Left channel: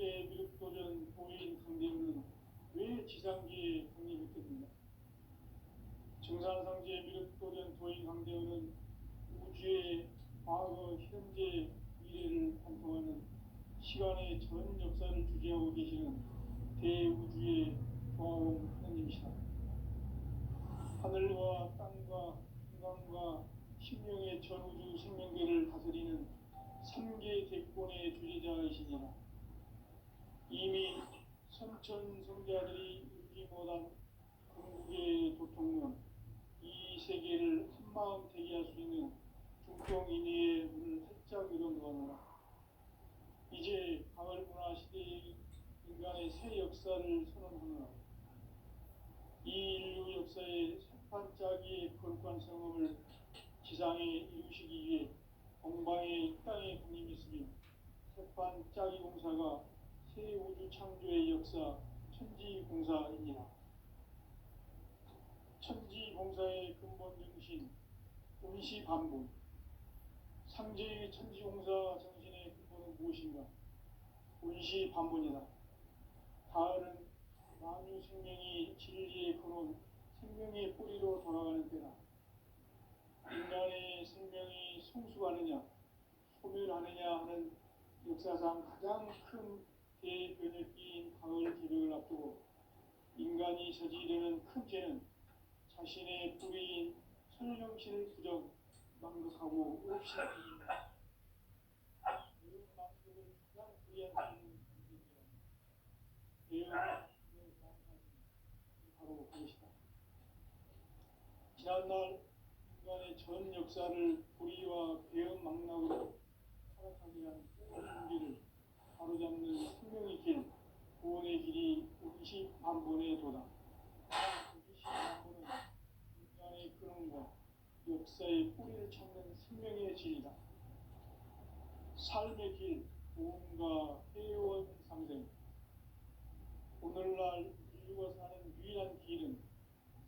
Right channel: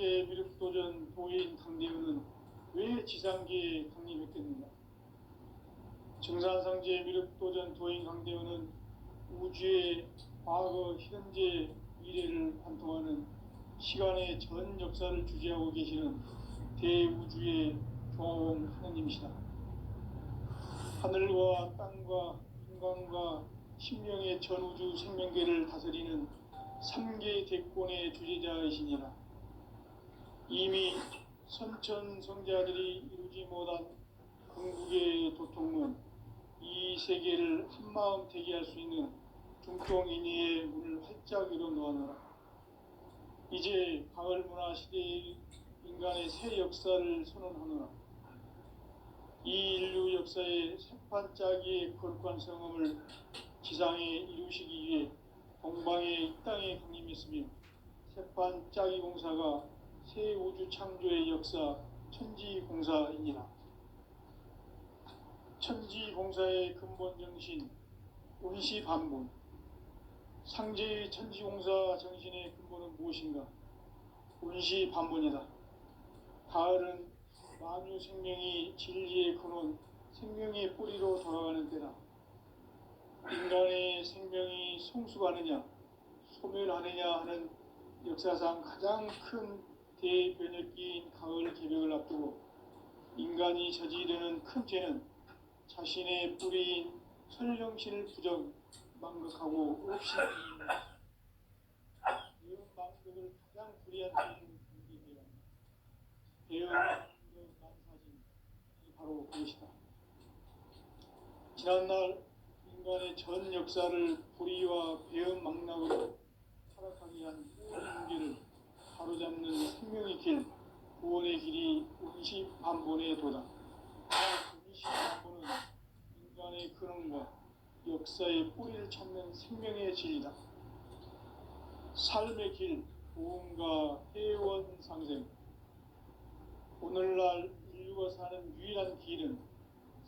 상제 미륵도전 도인 강대우는 왜 지상계에 강림했겠는가? 증산상제 미륵도전 도인 강대우는 우주의 과거, 현재, 미래를 관통하는 시간의 전 역사를 주재하고 계시는 대우주의 조화원 하느님이시다. 하늘과 땅과 인간과 신명의 전우주 생명계를 다스리는 삼계 대권의 주재자이시니라. 이미 선천성자들이 이루지 못한 궁극의 도통문, 이 세계를 한마음 되게 할 수 있는 중동인의의 문을 활짝 열어 놓았노라. 이제 가을 문화 시대의 인간의 새 역사를 선언하노라. 이 인류 역사의 새판짜기의 거룩한 성음을 지상에 이루시기 위해 동방의 이 땅에 강림했으며, 새판짜기 공사가 새 우주 창조의 역사 천지공사입니다. 천지공사의 근본 정신 운시반분, 상제의 천지공사 정신의 근본은 무엇인가? 운시반분이다. 가을은 만유 생명이 진리의 근원, 생명의 뿌리로 돌아가는 때다. 인간의 생명이 성숙하느냐 소멸하느냐 하는 역사상 가장 큰 대변혁기인 가을 개벽을 앞두고 인간이 저지르는 큰 죄는 자신의 뿌리인 설령신을 부정, 망각하고 없이 배운 망각을 가장 불의한 죄인 배운 망사심이 바로 그것이다. 지난날 인간의 전 역사를 불의와 배은 망락으로 타락하게 한 문제를 바로잡는 생명의 길, 구원의 길이 운시반본의 도다. 운시반본은 인간의 근원과 역사의 뿌리를 찾는 생명의 진리다. 삶의 길, 보험과 회원 상생. 오늘날 인류가 사는 유일한 길은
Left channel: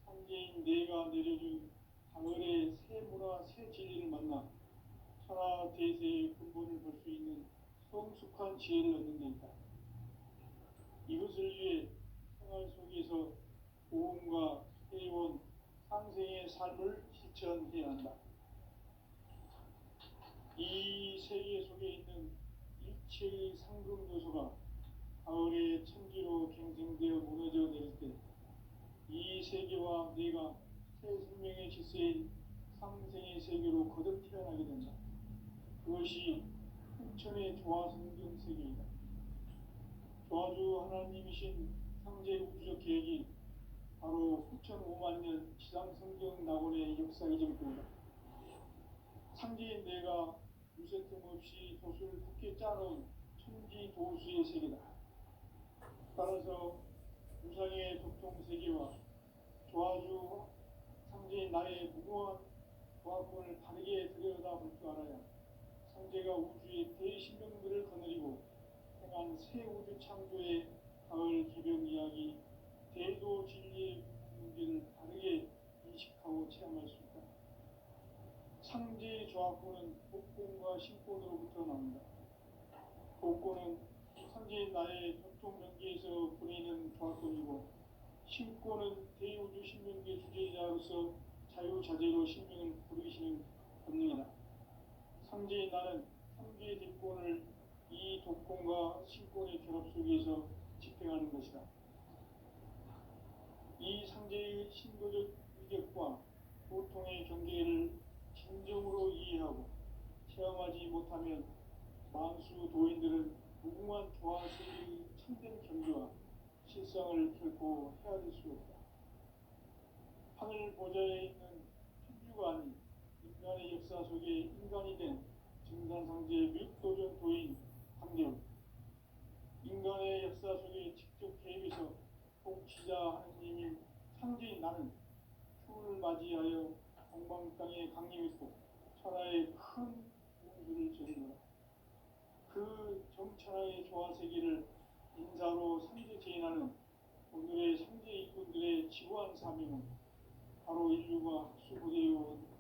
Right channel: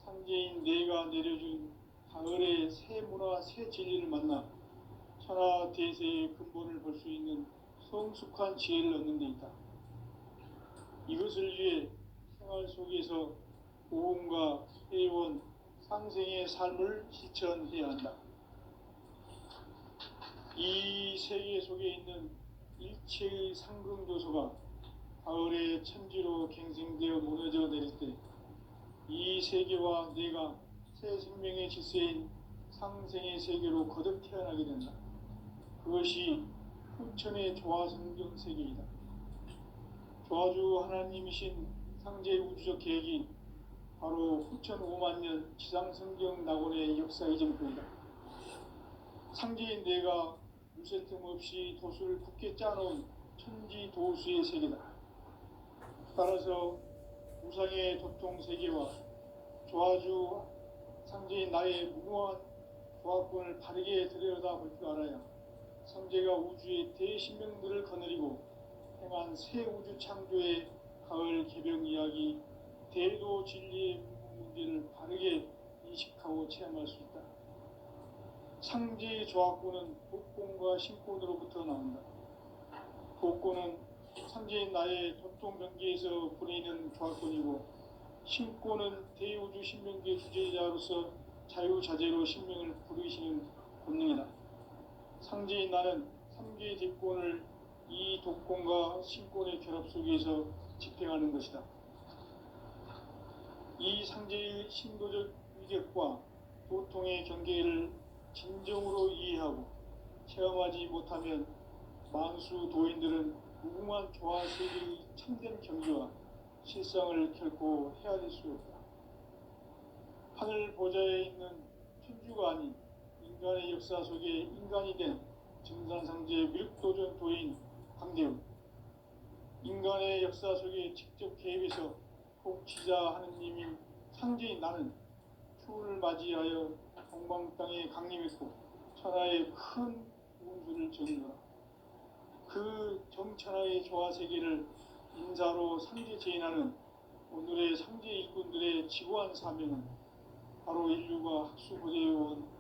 상제인 내가 내려준 가을의 새 문화, 새 진리를 만나 천하 대세의 근본을 볼 수 있는 성숙한 지혜를 얻는 데 있다. 이것을 위해 생활 속에서 보험과 회원, 상생의 삶을 실천해야 한다. 이 세계 속에 있는 일체의 상승도소가 가을의 천지로 갱생되어 무너져 내릴 때 이 세계와 내가 새 생명의 질서인 상생의 세계로 거듭 태어나게 된다. 그것이 후천의 조화성경 세계이다. 조화주 하나님이신 상제 우주적 계획이 바로 후천 5만년 지상성경 낙원의 역사 이전편이다. 상제인 내가 유세 틈 없이 도수를 굳게 짜놓은 천지도수의 세계다. 따라서 우상의 도통세계와 조화주 상제인 나의 무궁한 조합권을 바르게 들여다볼 줄 알아야 상제가 우주의 대신명들을 거느리고 행한 새 우주 창조의 가을 개벽 이야기, 대도 진리의 문제를 바르게 인식하고 체험할 수 있다. 상제의 조합권은 복권과 신권으로부터 나온다. 복권은 상제인 나의 도통변기에서 보내는 조합권이고, 신권은 대우주 신명계 주제자로서 자유자재로 신명을 부르시는 본능이다. 상제인 나는 3개의 뒷권을 이 독권과 신권의 결합 속에서 집행하는 것이다. 이 상제의 신도적 위력과 도통의 경계를 진정으로 이해하고 체험하지 못하면 만수 도인들은 무궁한 조화 세계의 참된 경지와 실상을 결코 헤아릴 수 없다. 하늘 보좌에 있는 천주가 아닌 인간의 역사 속에 인간이 된 증산상제 미륵도전 도인 강대우. 인간의 역사 속에 직접 개입해서 복지자 하느님인 상제인 나는 추운을 맞이하여 동방 땅에 강림했고 천하의 큰 운수를 전이노라. 그 정천하의 조화세계를 인사로 상제 제인하는 오늘의 상제 일꾼들의 지구한 사명은 바로 인류가 학수고대해온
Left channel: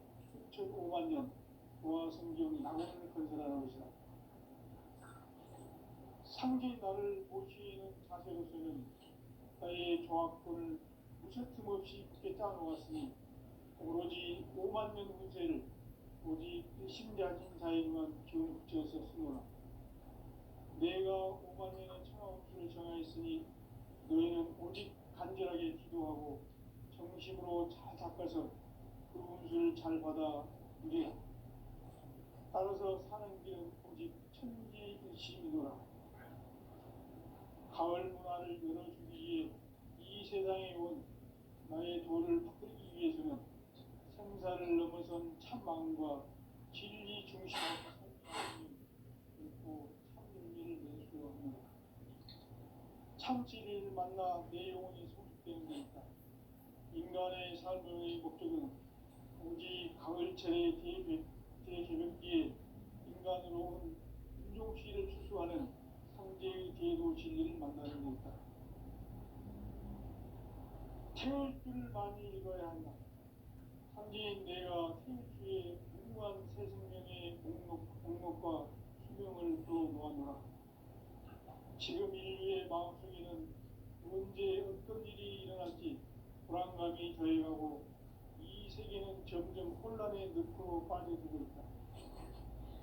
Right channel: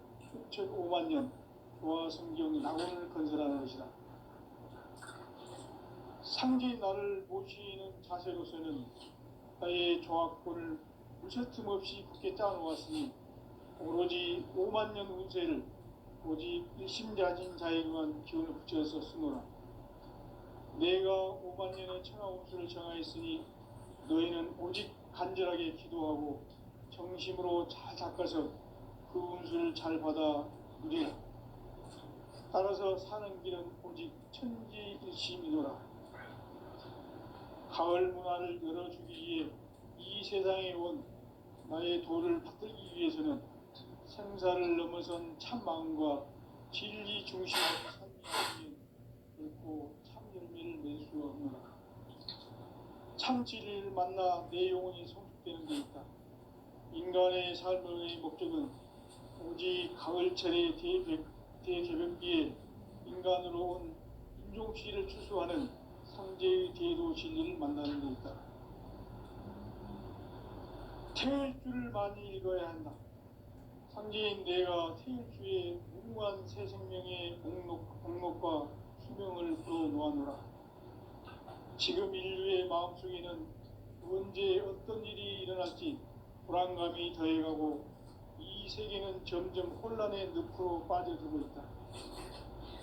6,500만 년 조화성경 낙원을 건설하는 것이다. 상제의 나를 모시는 자세로서는 나의 조합권을 무셔틈 없이 굳게 짜놓았으니 오로지 5만 년 운세를 오직 일심자진 자에게만 기운을 붙여서 쓰노라. 내가 5만 년의 천하 운수를 정하였으니 너희는 오직 간절하게 기도하고 정심으로 잘 닦아서 그 운수를 잘 받아 누리라. 따라서 사는 길은 오직 천지일심이노라. 가을 문화를 열어주기 위해 이 세상에 온 나의 도를 받들기 위해서는 생사를 넘어선 참 마음과 진리 중심의 삶이 결코 참 열매를 맺을 수 없노라. 참 진리를 만나 내 영혼이 성숙되는 데 있다. 인간의 삶의 목적은 오직 가을철의 대개벽기에 인간으로 온 인종시를 추수하는 상제의 대도 진리를 만나는 데 있다. 태일주를 많이 읽어야 한다. 상제인 내가 태일주의 무궁한 새 생명의 목록과 수명을 풀어놓아노라. 지금 인류의 마음속에는 언제 어떤 일이 일어날지 불안감이 더해가고 이 세계는 점점 혼란의 늪으로 빠져들고 있다.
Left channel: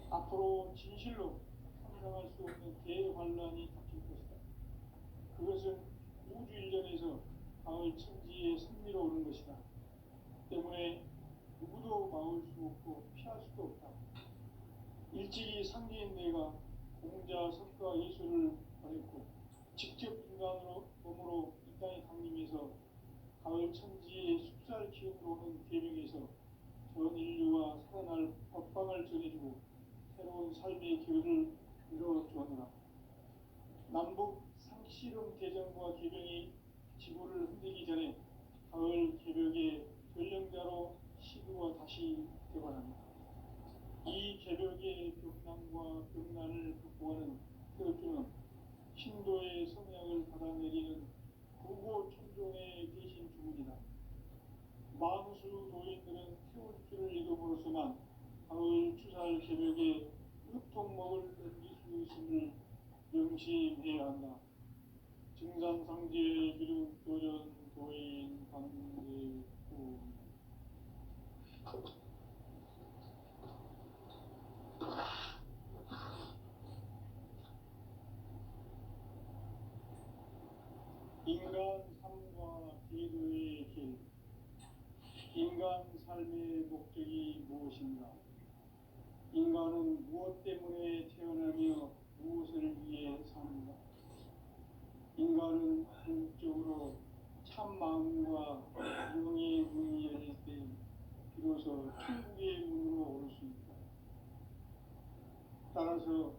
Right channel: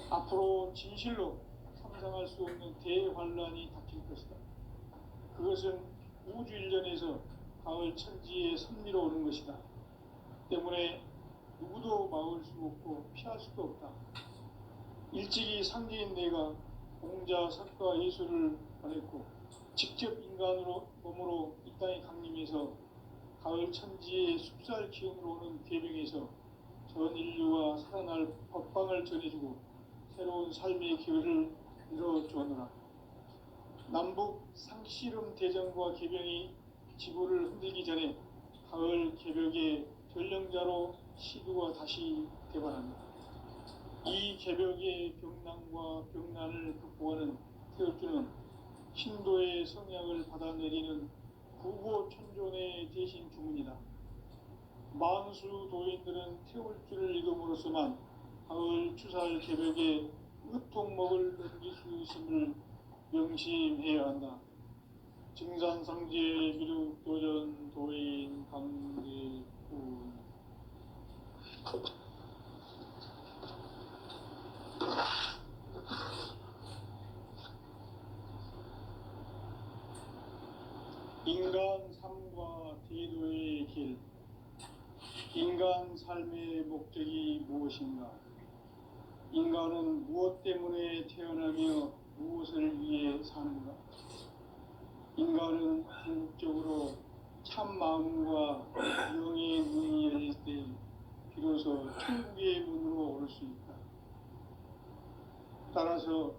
앞으로 진실로 상상할 수 없는 대환란이 닥칠 것이다. 그것은 우주 일련에서 가을 천지의 섭리로 오는 것이다. 때문에 누구도 막을 수 없고 피할 수도 없다. 일찍이 상제인 내가 공자, 석가, 예수를 보냈고 직접 인간으로 몸으로 이 땅에 강림해서 가을 천지의 숲살 기운으로 오는 계명에서 전 인류와 살아날 법방을 전해주고 새로운 삶의 기회를 이뤄주었노라. 남북 상씨름 대전과 계병이 지구를 흔들기 전에 가을 개벽의 전령자로 시두가 다시 개발합니다. 이 개벽의 병난과 병난을 극복하는 태엽주는 신도의 성약을 받아내리는 구고천존의 대신 주문이다. 만수 도인들은 태울주를 읽음으로써만 가을 추살 개벽의 으통목을 넘길 수 있음을 명심해야 한다. 증산상제 미륵도전 도인 강대군. 인간 삶과 대도의 길. 인간 삶의 목적이 무엇인가? 인간은 무엇 때문에 태어나며 무엇을 위해 사는가? 인간은 궁극적으로 참 마음과 영의 문이 열릴 때 비로소 천국의 문으로 오를 수 있다. 따라서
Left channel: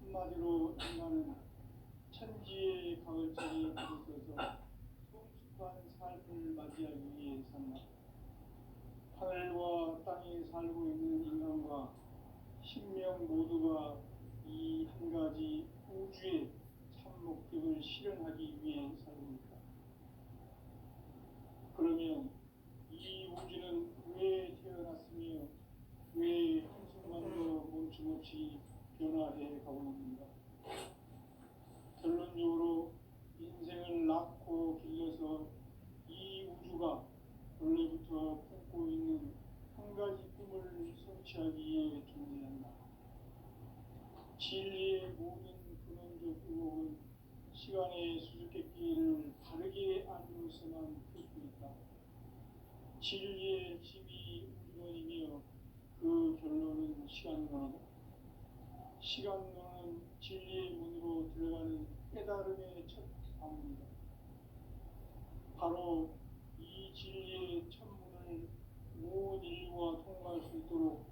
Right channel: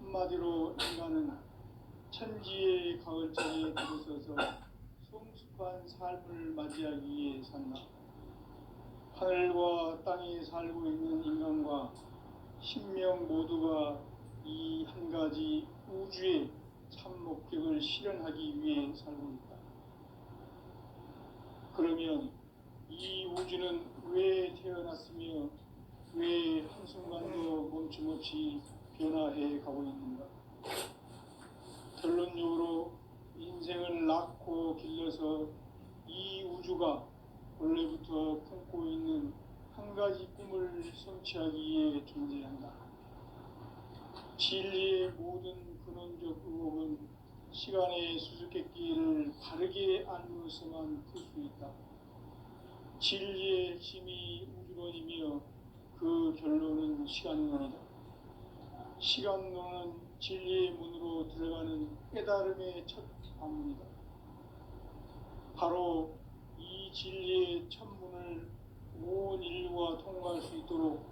한마디로 인간은 천지의 가을철에 들어서서 성숙한 삶을 맞이하기 위해 산다. 하늘과 땅에 살고 있는 인간과 신명 모두가 이 한 가지 우주의 참 목적을 실현하기 위해 살고 있다. 그러면 이 우주는 왜 태어났으며 왜 한순간도 멈춤없이 변화해 가고 있는가? 결론적으로 인생을 낳고 길러서 이 우주가 원래부터 품고 있는 한 가지 꿈을 성취하기 위해 존재한다. 진리의 모든 근원적 의혹은 시간의 수수께끼를 바르게 알므로서만 풀 수 있다. 진리의 핵심이 우주론이며 그 결론은 시간론이다. 시간론은 진리의 문으로 들어가는 깨달음의 첫 방문이다. 바로 이 진리의 첫 문을 온 인류가 통과할 수 있도록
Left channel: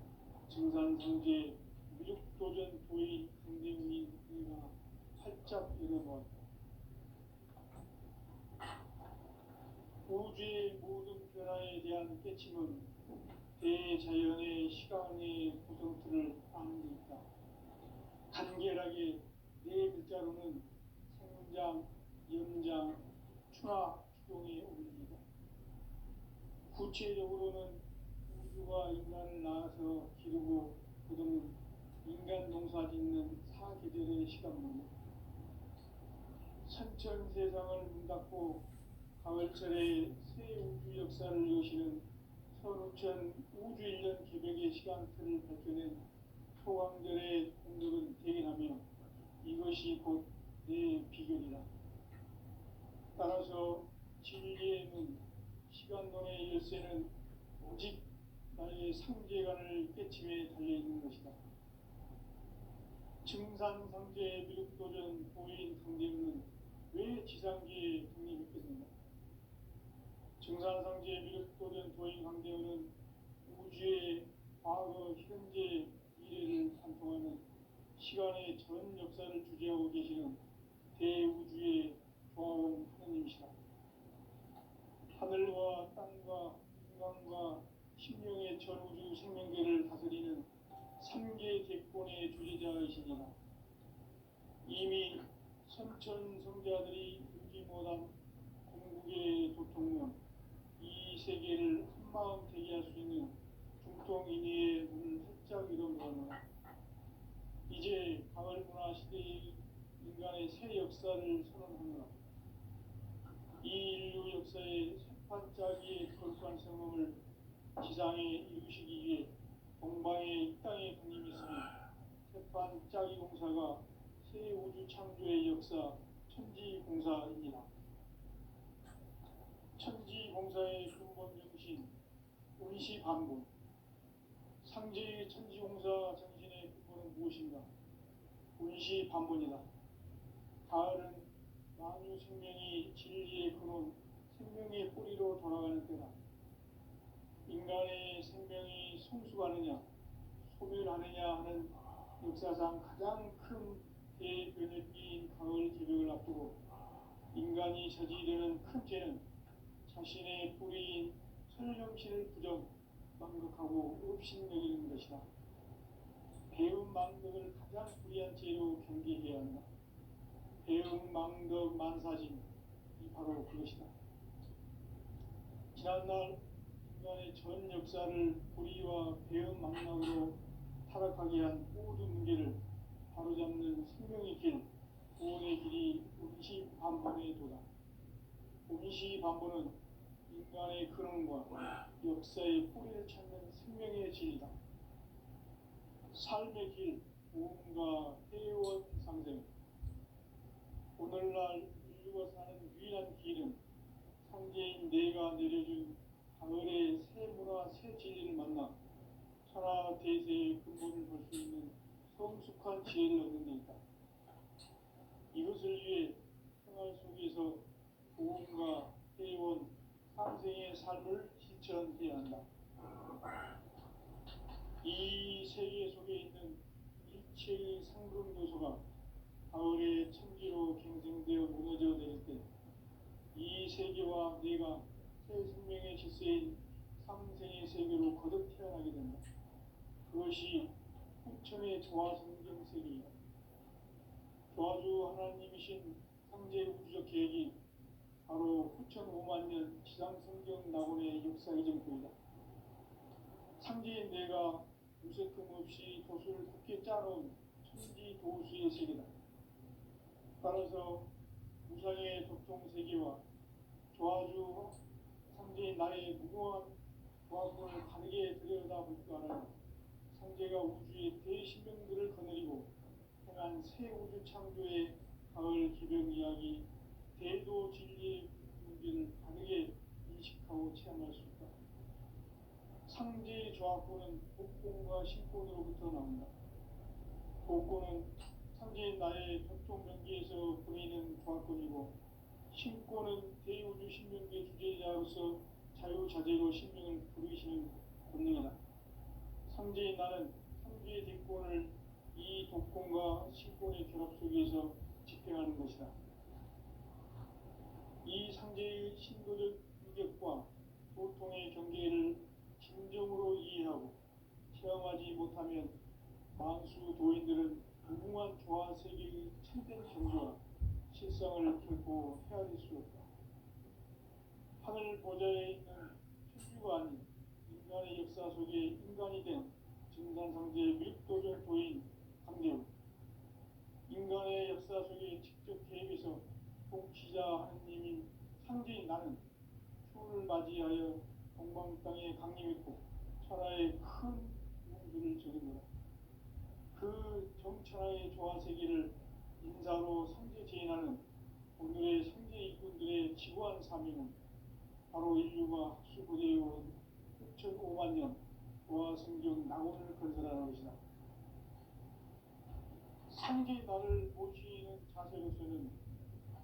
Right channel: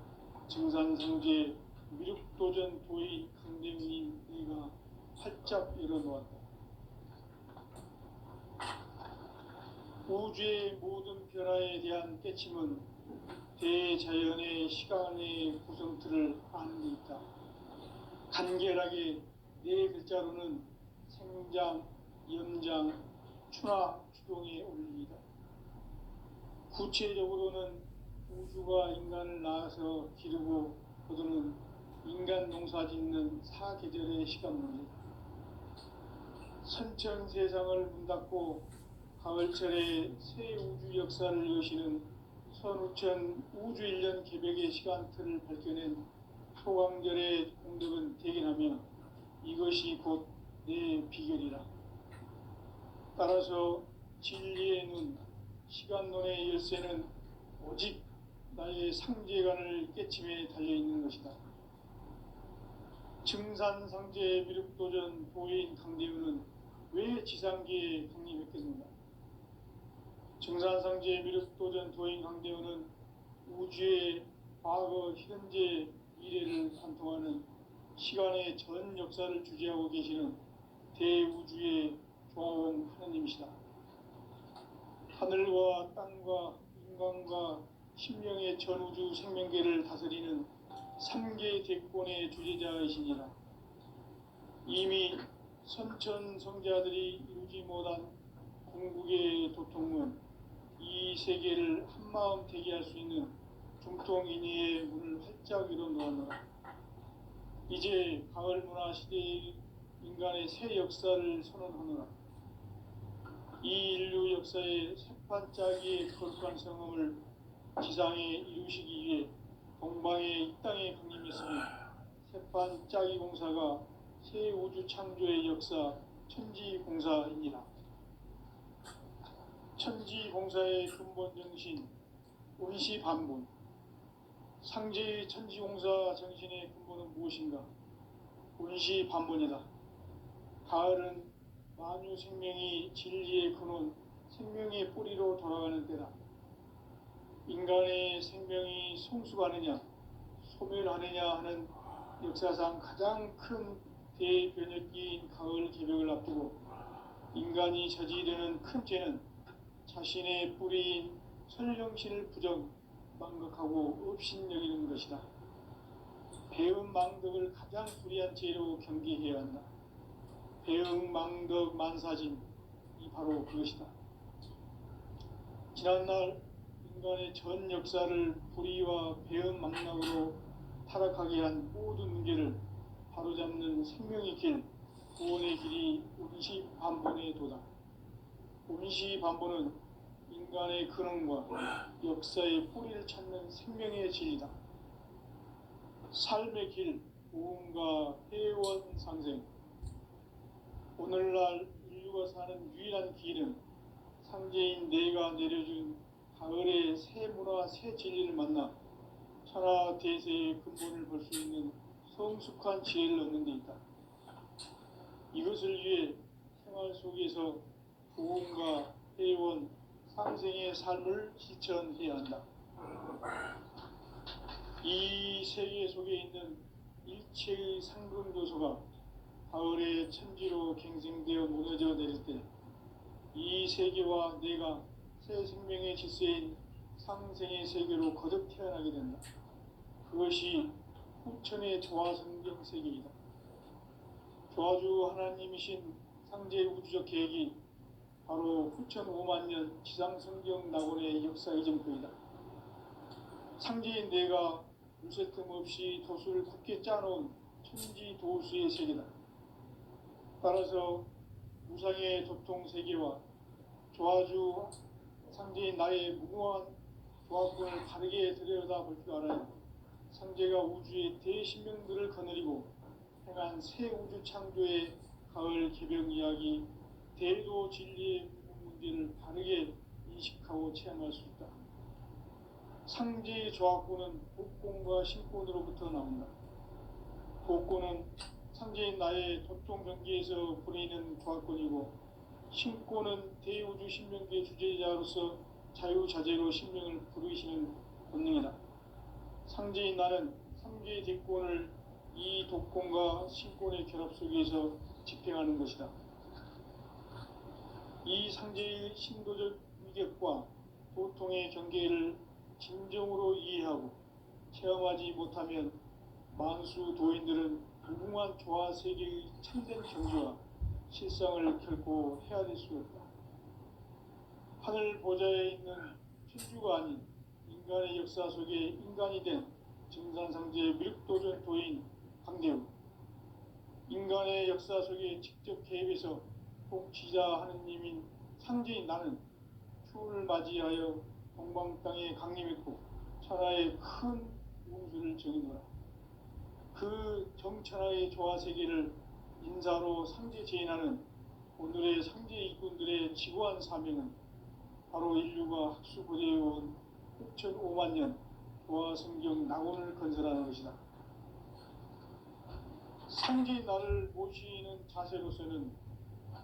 증산상제 미륵도전 도의 강대문이 우리가 활짝 열어놓았다. 우주의 모든 변화에 대한 깨침은 대자연의 시간의 구성틀을 아는 데 있다. 간결하게 네 글자로는 생장, 연장, 추나 추동의 원리이다. 구체적으로는 우주가 인간을 낳아서 기르고 거두는 인간 농사 짓는 사계절의 시간론이다. 천천 세상을 문 닫고 가을철에 새 우주 역사를 여시는 선우천 우주 1년 개벽의 시간틀을 밝혀낸 소강절의 공덕은 대견하며 이것이 곧 내 비결이라. 따라서 진리의 눈, 시간론의 열쇠는 오직 나의 상제관을 깨침에 달려있는 것이다. 증산상제 미륵도전 도인 강대우는 왜 지상계에 강림했겠는가? 증산상제 미륵도전 도인 강대우는 우주의 과거, 현재, 미래를 관통하는 시간의 전 역사를 주재하고 계시는 대우주의 조화원 하느님이시다. 하늘과 땅과 인간과 신명의 전우주 생명계를 다스리는 3계 대권의 주재자이시니라. 이미 선천성자들이 이루지 못한 궁극의 도통은 이 세계를 한마음 되게 할 수 있는 중통인의의 문을 활짝 열어놓았노라. 이제 가을 문화 시대의 인간의 새 역사를 선언하노라. 이 인류 역사의 새판짜기의 거룩한 성음을 지상에 이루시기 위해 동방의 이 땅에 강림했으며 새판짜기 공사가 새 우주 창조의 역사 천지공사입니다. 천지공사의 근본 정신 운시반본. 상제의 천지공사 정신의 근본은 무엇인가? 운시반본이다. 가을은 만유 생명이 진리의 근원, 생명의 뿌리로 돌아가는 때다. 인간의 생명이 성숙하느냐, 소멸하느냐 하는 역사상 가장 큰 대변혁기인 가을 개벽을 앞두고 인간이 저지르는 큰 죄는 자신의 뿌리인 설령신을 부정, 망각하고 업신여기는 것이다. 배음 망덕을 가장 불의한 죄로 경계해야 한다. 배음 망덕 만사진이 바로 그것이다. 지난날 인간의 전 역사를 불의와 배음 망락으로 타락하게 한 모든 문제를 바로잡는 생명의 길, 구원의 길이 운시반본의 도다. 운시반본은 인간의 근원과 역사의 뿌리를 찾는 생명의 진리다. 삶의 길, 구원과 회원 상생. 오늘날 인류가 사는 유일한 길은 상제인 내가 내려준 가을의 새 문화, 새 진리를 만나 천하 대세의 근본을 볼 수 있는 성숙한 지혜를 얻는 데 있다. 이것을 위해 생활 속에서 구원과 회원, 상생의 삶을 실천해야 한다. 이 세계 속에 있는 일체의 상금 요소가 가을의 천지로 갱생되어 무너져 내릴 때 이 세계와 내가 새 생명의 질서인 상생의 세계로 거듭 태어나게 된다. 그것이 후천의 조화성경 세계이다. 조화주 하나님이신 상제 우주적 계획이 바로 후천 5만년 지상성경 낙원의 역사 이정표이다. 상제인 내가 무쇠 틈 없이 도수를 굳게 짜놓은 천지 도수의 세계다. 따라서 무상의 도통 세계와 조화주 상제인 나의 무궁한 조화권을 바르게 들여다볼 줄 알아야 상제가 우주의 대신명들을 거느리고 행한 새 우주 창조의 가을 개벽 이야기, 대도 진리의 문제를 바르게 인식하고 체험할 수 있다. 상제의 조화권은 복권과 신권으로부터 나온다. 복권은 상제인 나의 도통 경계에서 보이는 조화권이고, 신권은 대우주 신명계 주제자로서 자유자재로 신명을 부르시는 본능이다. 상제인 나는 3개 대권을 이 독권과 신권의 결합 속에서 집행하는 것이다. 이 상제의 신도적 위격과 보통의 경계를 진정으로 이해하고 체험하지 못하면 만수 도인들은 무궁한 조화 세계의 참된 경지와 실상을 결코 헤아릴 수 없다. 하늘 보좌에 있는 천주가 아닌 인간의 역사 속에 인간이 된 증산상제 미륵도전 도인 강대우. 인간의 역사 속에 직접 개입해서 복지자 하느님인 상제인 나는 추운을 맞이하여 동방 땅에 강림했고 천하의 큰 우주를 정의노라. 그 정천하의 조화세계를 인사로 상제 제인하는 오늘의 상제 일꾼들의 지구한 사명은 바로 인류가 학수고대해온 6,500만 년 조화성경 낙원을 건설하는 것이다. 상제의 나를 모시는 자세로서는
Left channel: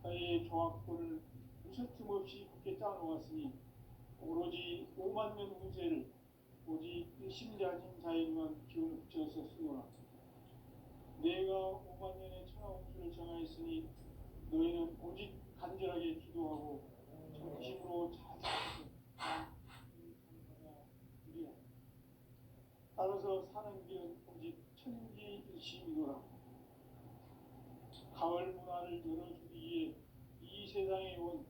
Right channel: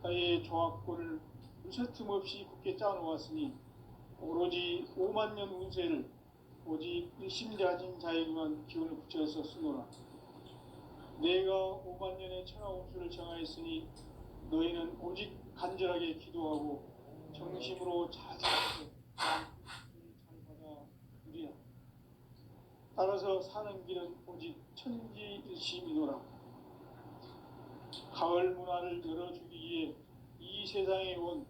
나의 조화권을 무쇠틈 없이 굳게 짜놓았으니 오로지 5만 년 운세를 오직 일심자진 자에게만 기운을 붙여서 쓰노라. 내가 5만 년의 천하운수를 정하였으니 너희는 오직 간절하게 기도하고 정심으로 자세하게 찬사가 누리라. 따라서 사는 길은 오직 천지일심이노라. 가을 문화를 열어주기 위해 이 세상에 온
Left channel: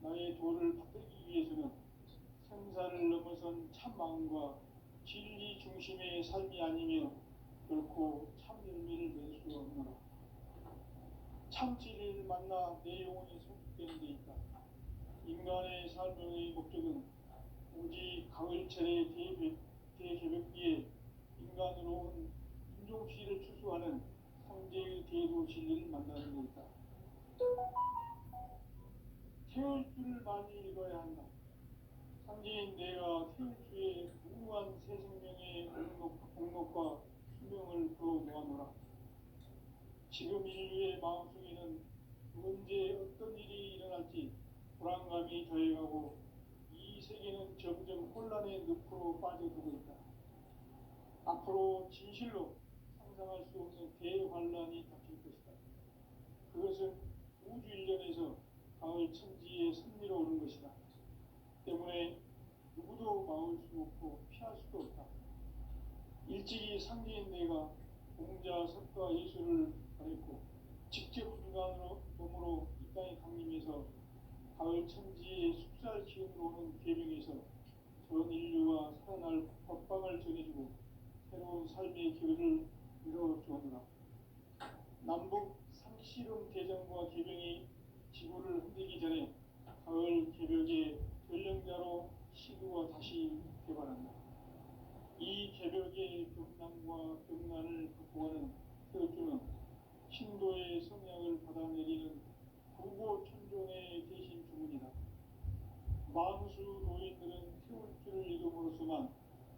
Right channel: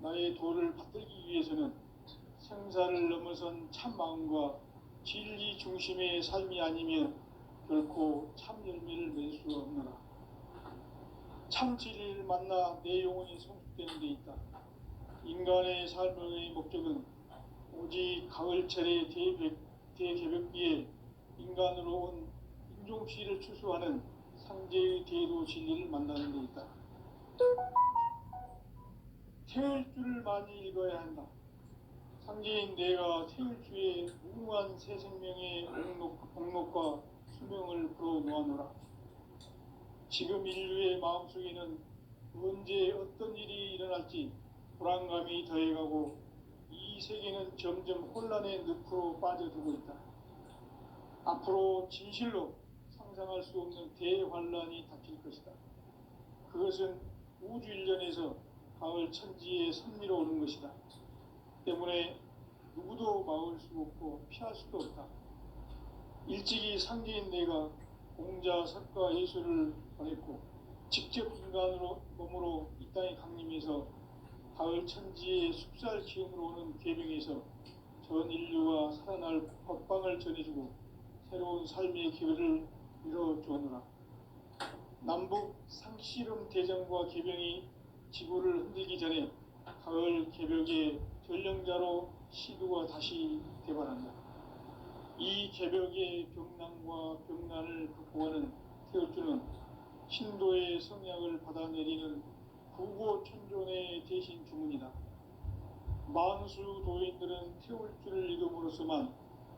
나의 도를 받들기 위해서는 생사를 넘어선 참 마음과 진리 중심의 삶이 아니면 결코 참 열매를 맺을 수 없노라. 참 진리를 만나 내 영혼이 성숙되는 데 있다. 인간의 삶의 목적은 오직 가을철의 대개벽비에 인간으로 온 인종피를 추수하는 상제의 대도 진리를 만나는 데 있다. 태울 줄을 많이 읽어야 한다. 상제인 내가 태울 주에 무궁한 새 생명의 옥록과 수명을 불어놓아노라. 지금 인류의 마음속에는 언제 어떤 일이 일어날지 불안감이 더해가고 이 세계는 점점 혼란의 늪으로 빠져들고 있다. 앞으로 진실로 상상할 수 없는 대환란이 닥칠 것이다. 그것은 우주 일련에서 가을 천지에 선미로 오는 것이다. 때문에 누구도 막을 수 없고 피할 수도 없다. 일찍이 상제인 내가 공자, 석가, 예수를 보냈고 직접 인간으로 몸으로 이 땅에 강림해서 가을 천지의 숲살 기운으로 오는 계명에서 전 인류가 살아날 법방을 전해주고 새로운 삶의 기회를 이뤄주었노라. 남북 상씨름 대전과 개병이 지구를 흔들기 전에 가을 개벽의 전령자로 시두가 다시 대발한다. 이 개벽의 병난과 병난을 극복하는 태울주는 신도의 성약을 받아내리는 구고천존의 대신 주문이다. 만수 도인들은 태울주를 읽음으로써만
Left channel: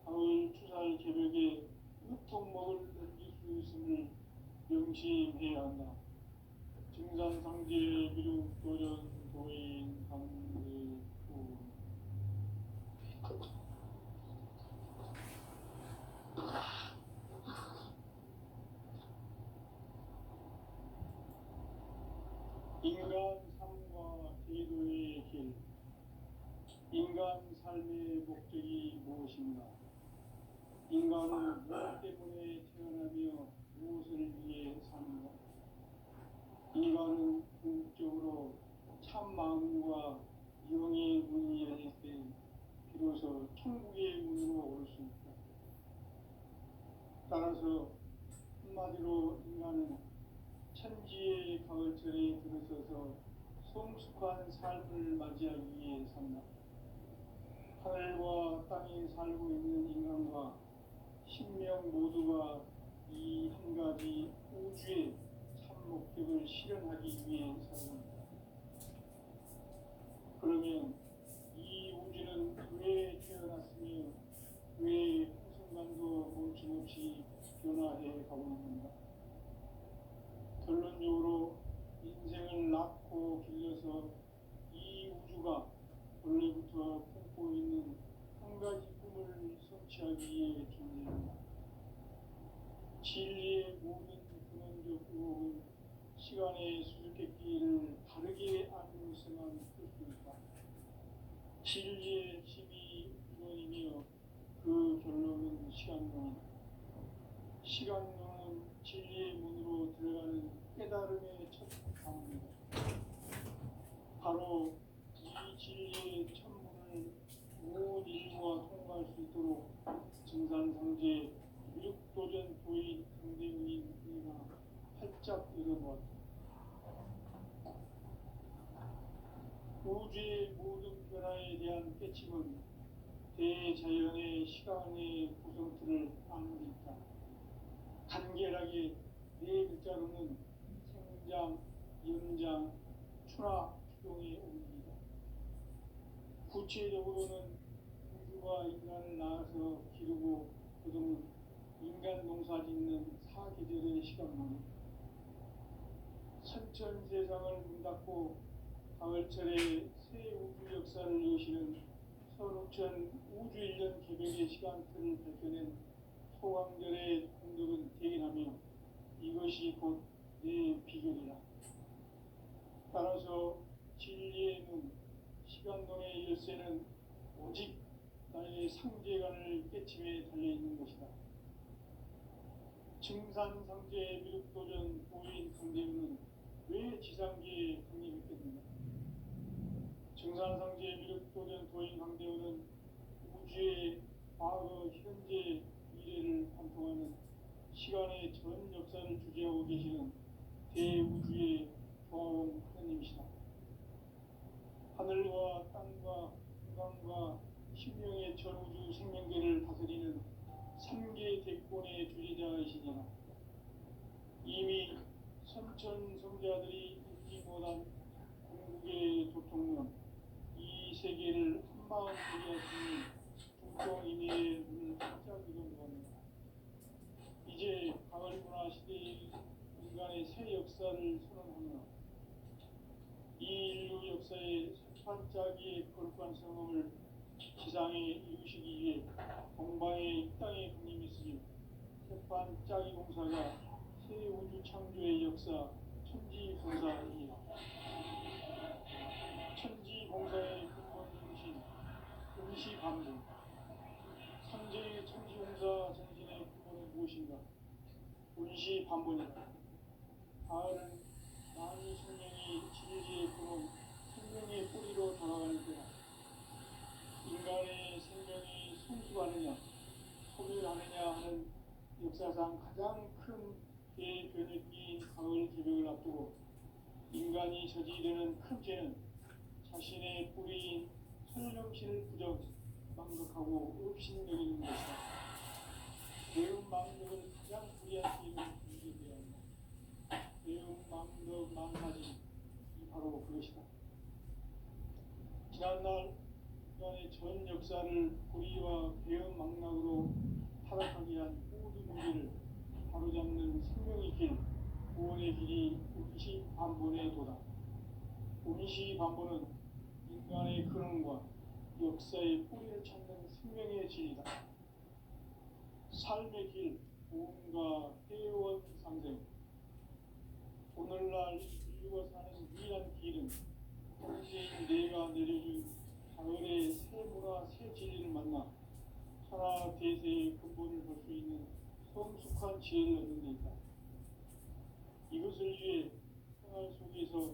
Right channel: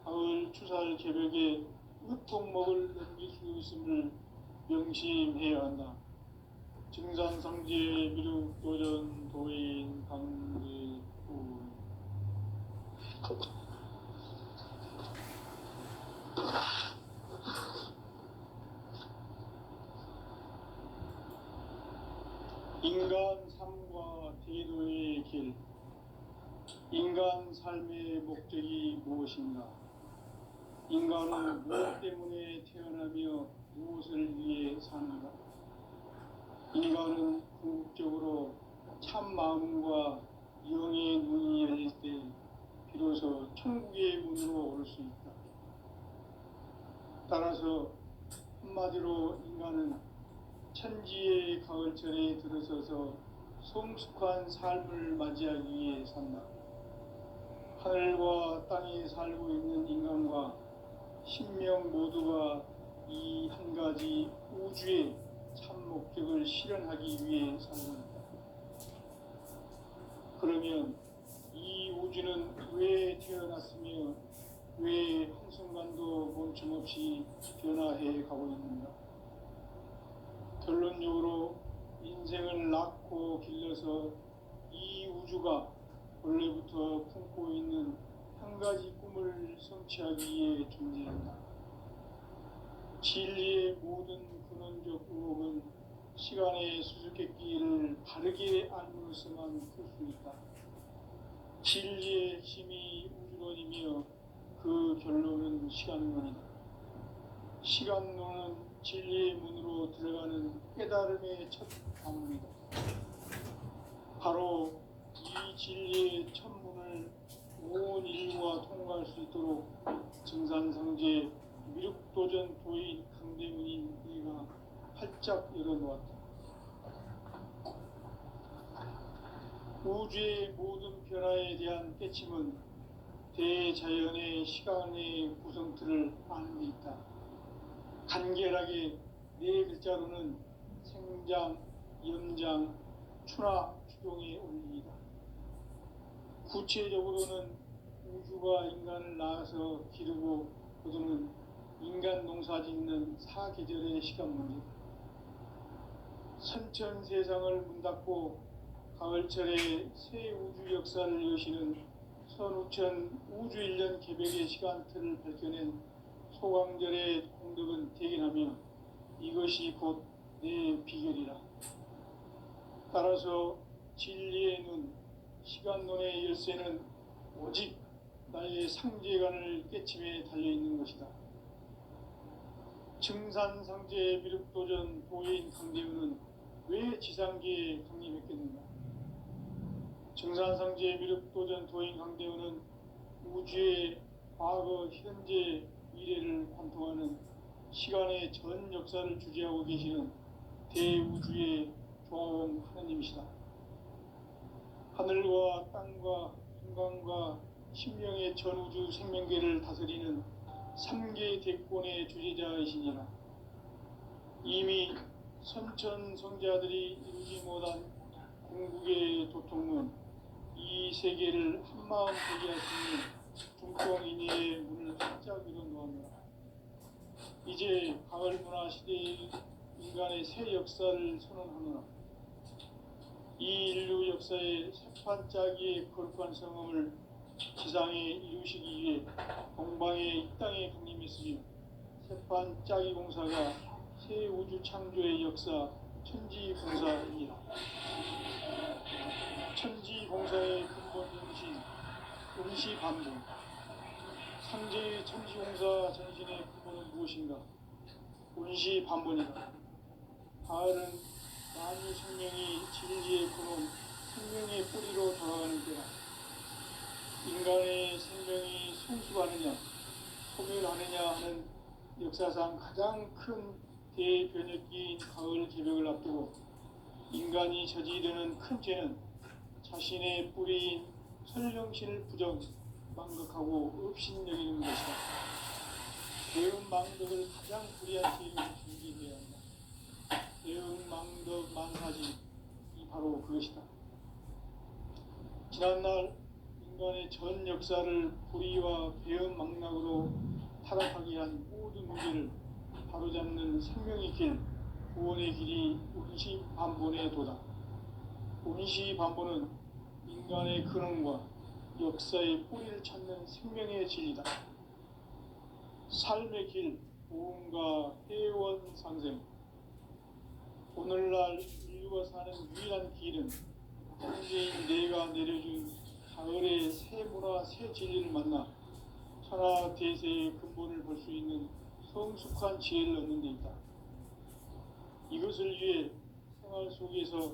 가을 추살 개벽의 으통목을 넘길 수 있음을 명심해야 한다. 증산상제 미륵도전 도인 강제군 인간 삶과 대도의 길. 인간 삶의 목적이 무엇인가? 인간은 무엇 때문에 태어나며 무엇을 위해 사는가? 인간은 궁극적으로 참 마음과 영의 눈이 열릴 때 비로소 천국의 문으로 올 수 있다. 따라서 한마디로 인간은 천지의 가을철에 들어서서 성숙한 삶을 맞이하기 위해 산다. 하늘과 땅에 살고 있는 인간과 신명 모두가 이 한 가지 우주의 참 목적을 실현하기 위해 산다. 그러면 이 우주는 왜 태어났으며 왜 한순간도 멈춤없이 변화해 가고 있는가? 결론적으로 인생을 낳고 길러서 이 우주가 원래부터 품고 있는 한 가지 꿈을 성취하기 위해 존재한다. 진리의 모든 근원적 의혹은 시간의 수수께끼를 바르게 알므로서만 풀 수 있다. 진리의 핵심이 우주론이며 그 결론은 시간론이다. 시간론은 진리의 문으로 들어가는 깨달음의 첫 관문이다. 바로 이 진리의 첫 문을 온 인류가 통과할 수 있도록 증산상제 미륵도전 도인 강대문인 이가 활짝 열어놓았다. 우주의 모든 변화에 대한 깨침은 대자연의 시간의 구성틀을 아는 데 있다. 간결하게 네 글자로는 생장, 연장, 추나 추동의 원리이다. 구체적으로는 우주가 인간을 낳아서 기르고 거두는 인간 농사 짓는 사계절의 시간 문제. 선천 세상을 문 닫고 가을철에 새 우주 역사를 여시는 선우천 우주 1년 개벽의 시간틀을 밝혀낸 소강절의 공덕은 대견하며 이것이 곧 내 비결이라. 따라서 진리의 눈, 시간론의 열쇠는 오직 나의 상제관을 깨침에 달려있는 것이다. 증산상제 미륵도전 도인 강대우는 왜 지상계에 강림했겠는가? 증산상제 미륵도전 도인 강대우는 우주의 과거, 현재, 미래를 관통하는 시간의 전 역사를 주재하고 계시는 대우주의 조화원 하나님이시다. 하늘과 땅과 인간과 신명의 전우주 생명계를 다스리는 3계 대권의 주제자이시니라. 이미 선천성자들이 이루지 못한 궁극의 도통문, 이 세계를 한마음 보게 할 수 있는 중통인의의 문을 활짝 열어놓았노라. 이제 가을 문화 시대의 인간의 새 역사를 선언하노라. 이 인류 역사의 새판짜기의 거룩한 성음을 지상에 이루시기 위해 동방의 이 땅에 강림했으며 새판짜기 공사가 새 우주 창조의 역사 천지공사입니다. 천지공사의 근본 정신, 음시반복. 상제의 천지공사 전신의 근본은 무엇인가? 운시반본이다. 가을은 만유 생명이 진리의 근원, 생명의 뿌리로 돌아가는 때다. 인간의 생명이 성숙하느냐, 소멸하느냐 하는 역사상 가장 큰 대변혁기인 가을 개벽을 앞두고 인간이 저지르는 큰 죄는 자신의 뿌리인 설령신을 부정, 망각하고 업신여기는 것이다. 대응망덕을 가장 불의한 죄로 준비해야 한다. 대응망덕 만사지, 이 바로 그것이다. 지난날 인간의 전 역사를 불의와 배은망락으로 타락하게 한 모든 문제를 바로잡는 생명의 길, 구원의 길이 운시반본의 도다. 운시반본은 인간의 근원과 역사의 뿌리를 찾는 생명의 진리다. 삶의 길, 보험과 회원 상생. 오늘날 인류가 사는 유일한 길은 현재인 내가 내려준 가을의 새 문화, 새 진리를 만나 천하 대세의 근본을 볼 수 있는 성숙한 지혜를 얻는 데 있다. 이것을 위해 생활 속에서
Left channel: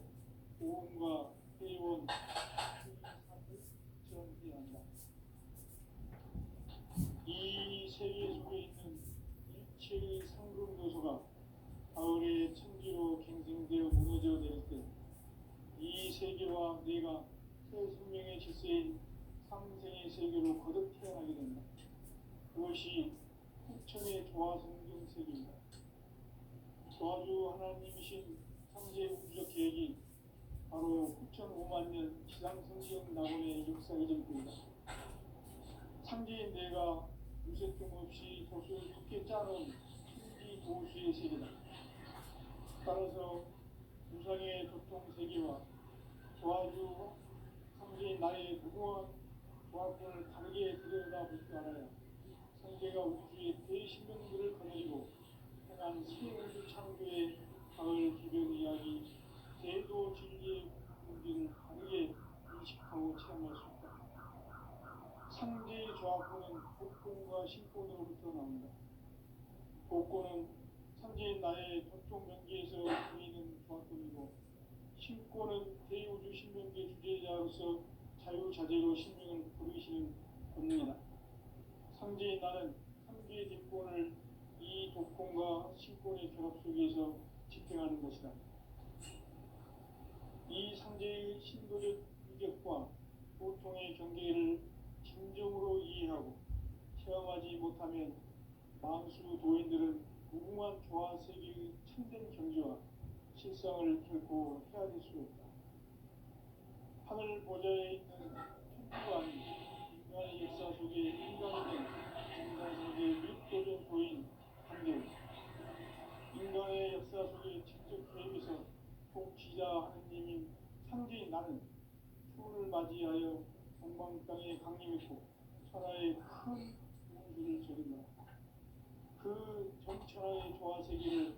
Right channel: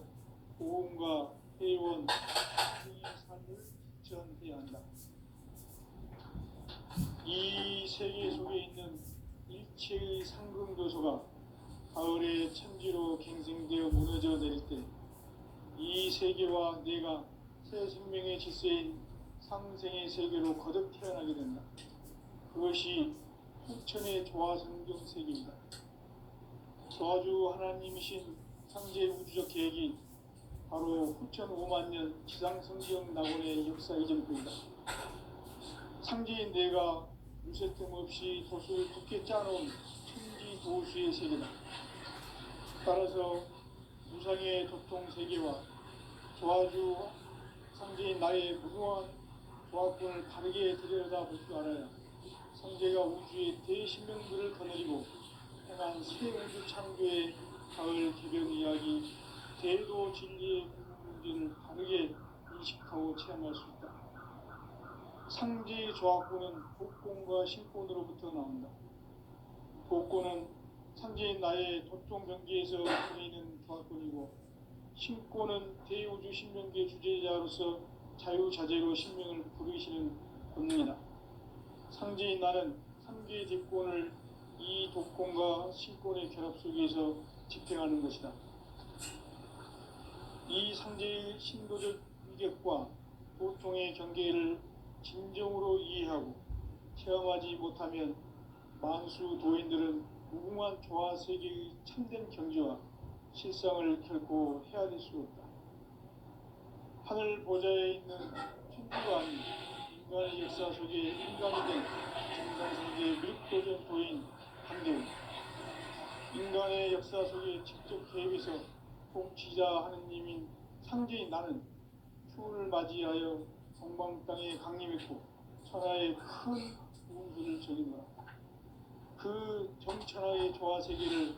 보험과 회원, 이 삶을 실천해야 한다. 이 세계 속에 있는 일체의 상승도소가 가을의 천지로 갱생되어 무너져 내릴 때 이 세계와 내가 새 생명의 질서인 상생의 세계로 거듭 태어나게 된다. 그것이 후천의 조화성경 세계이다. 조화주 하나님이신 상제 우주적 계획이 바로 후천 5만 년 지상성경 낙원의 역사 이전표이다. 상제인 내가 무쇠 틈 없이 도수를 굳게 짜놓은 천지 도수의 세계다. 따라서 무상의 도통 세계와 조화주 상제인 나의 무궁한 조화권을 바르게 들여다볼 줄 알아야 상제가 우주의 대신명들을 거느리고 행한 새 우주 창조의 가을 개벽 이야기, 대도 진리의 문제를 바르게 인식하고 체험할 수 있다. 상제의 조화권은 복권과 신권으로부터 나온다. 복권은 상제인 나의 도통 경계에서 보이는 조화권이고, 신권은 대우주 신명계 주제자로서 자유자재로 신명을 부르시는 본능이다. 상제인 나는 3개 대권을 이 독권과 신권의 결합 속에서 집행하는 것이다. 이 상제의 신도적 희격과 고통의 경계를 진정으로 이해하고 체험하지 못하면 만수 도인들은 무궁한 조화 세계의 참된 경지와 실상을 결코 헤아릴 수 없다. 하늘 보좌에 있는 천주가 아닌 인간의 역사 속에 인간이 된 정상세계 미륵도전 도인 한대훈, 인간의 역사 속에 직접 개입해서 통치자 하느님인 상제인 나는 추운을 맞이하여 동방 땅에 강림했고 천하의 큰 우주를 전이노라. 그 정천하의 조화 세계를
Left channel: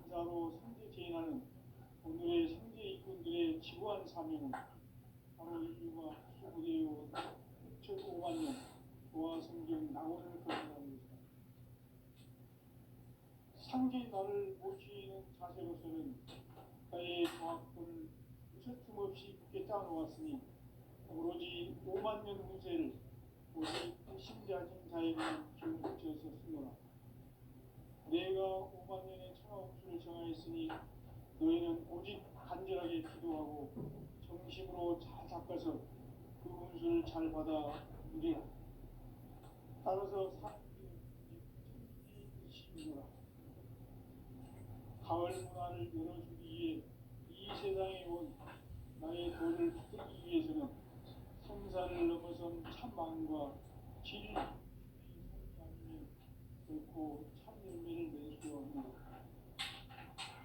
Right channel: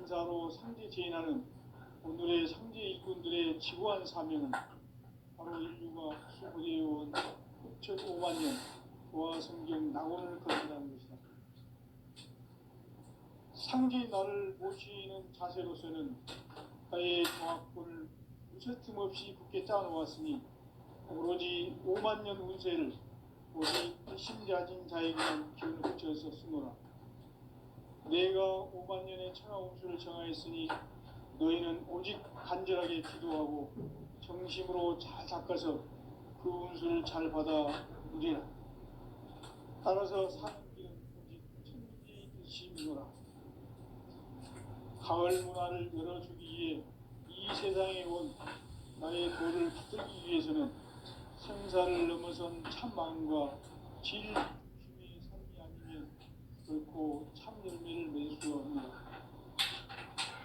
인사로 상제 제인하는 오늘의 상제 이군들의 지구한 사명은 바로 인류가 수고되어온 9,500만 년 조화 성경 낙원을 건너는 것이다. 상제 나를 모시는 자세로서는 나의 정확권을 무쇠틈 없이 굳게 짜놓았으니 오로지 5만 년 운세를 오직 신자진 자에게만 기운을 붙여서 쓰노라. 내가 5만 년의 천하 운수를 정하였으니 너희는 오직 간절하게 기도하고 정심으로 잘 닦아서 그 운수를 잘 받아 누리라. 따라서 사는 길은 오직 천지일심이노라. 가을 문화를 열어주기 위해 이 세상에 온 나의 도를 붙들기 위해서는 생사를 넘어선 참 마음과 질 중심의 삶이 아니면 결코 참 열매를 맺을 수 없는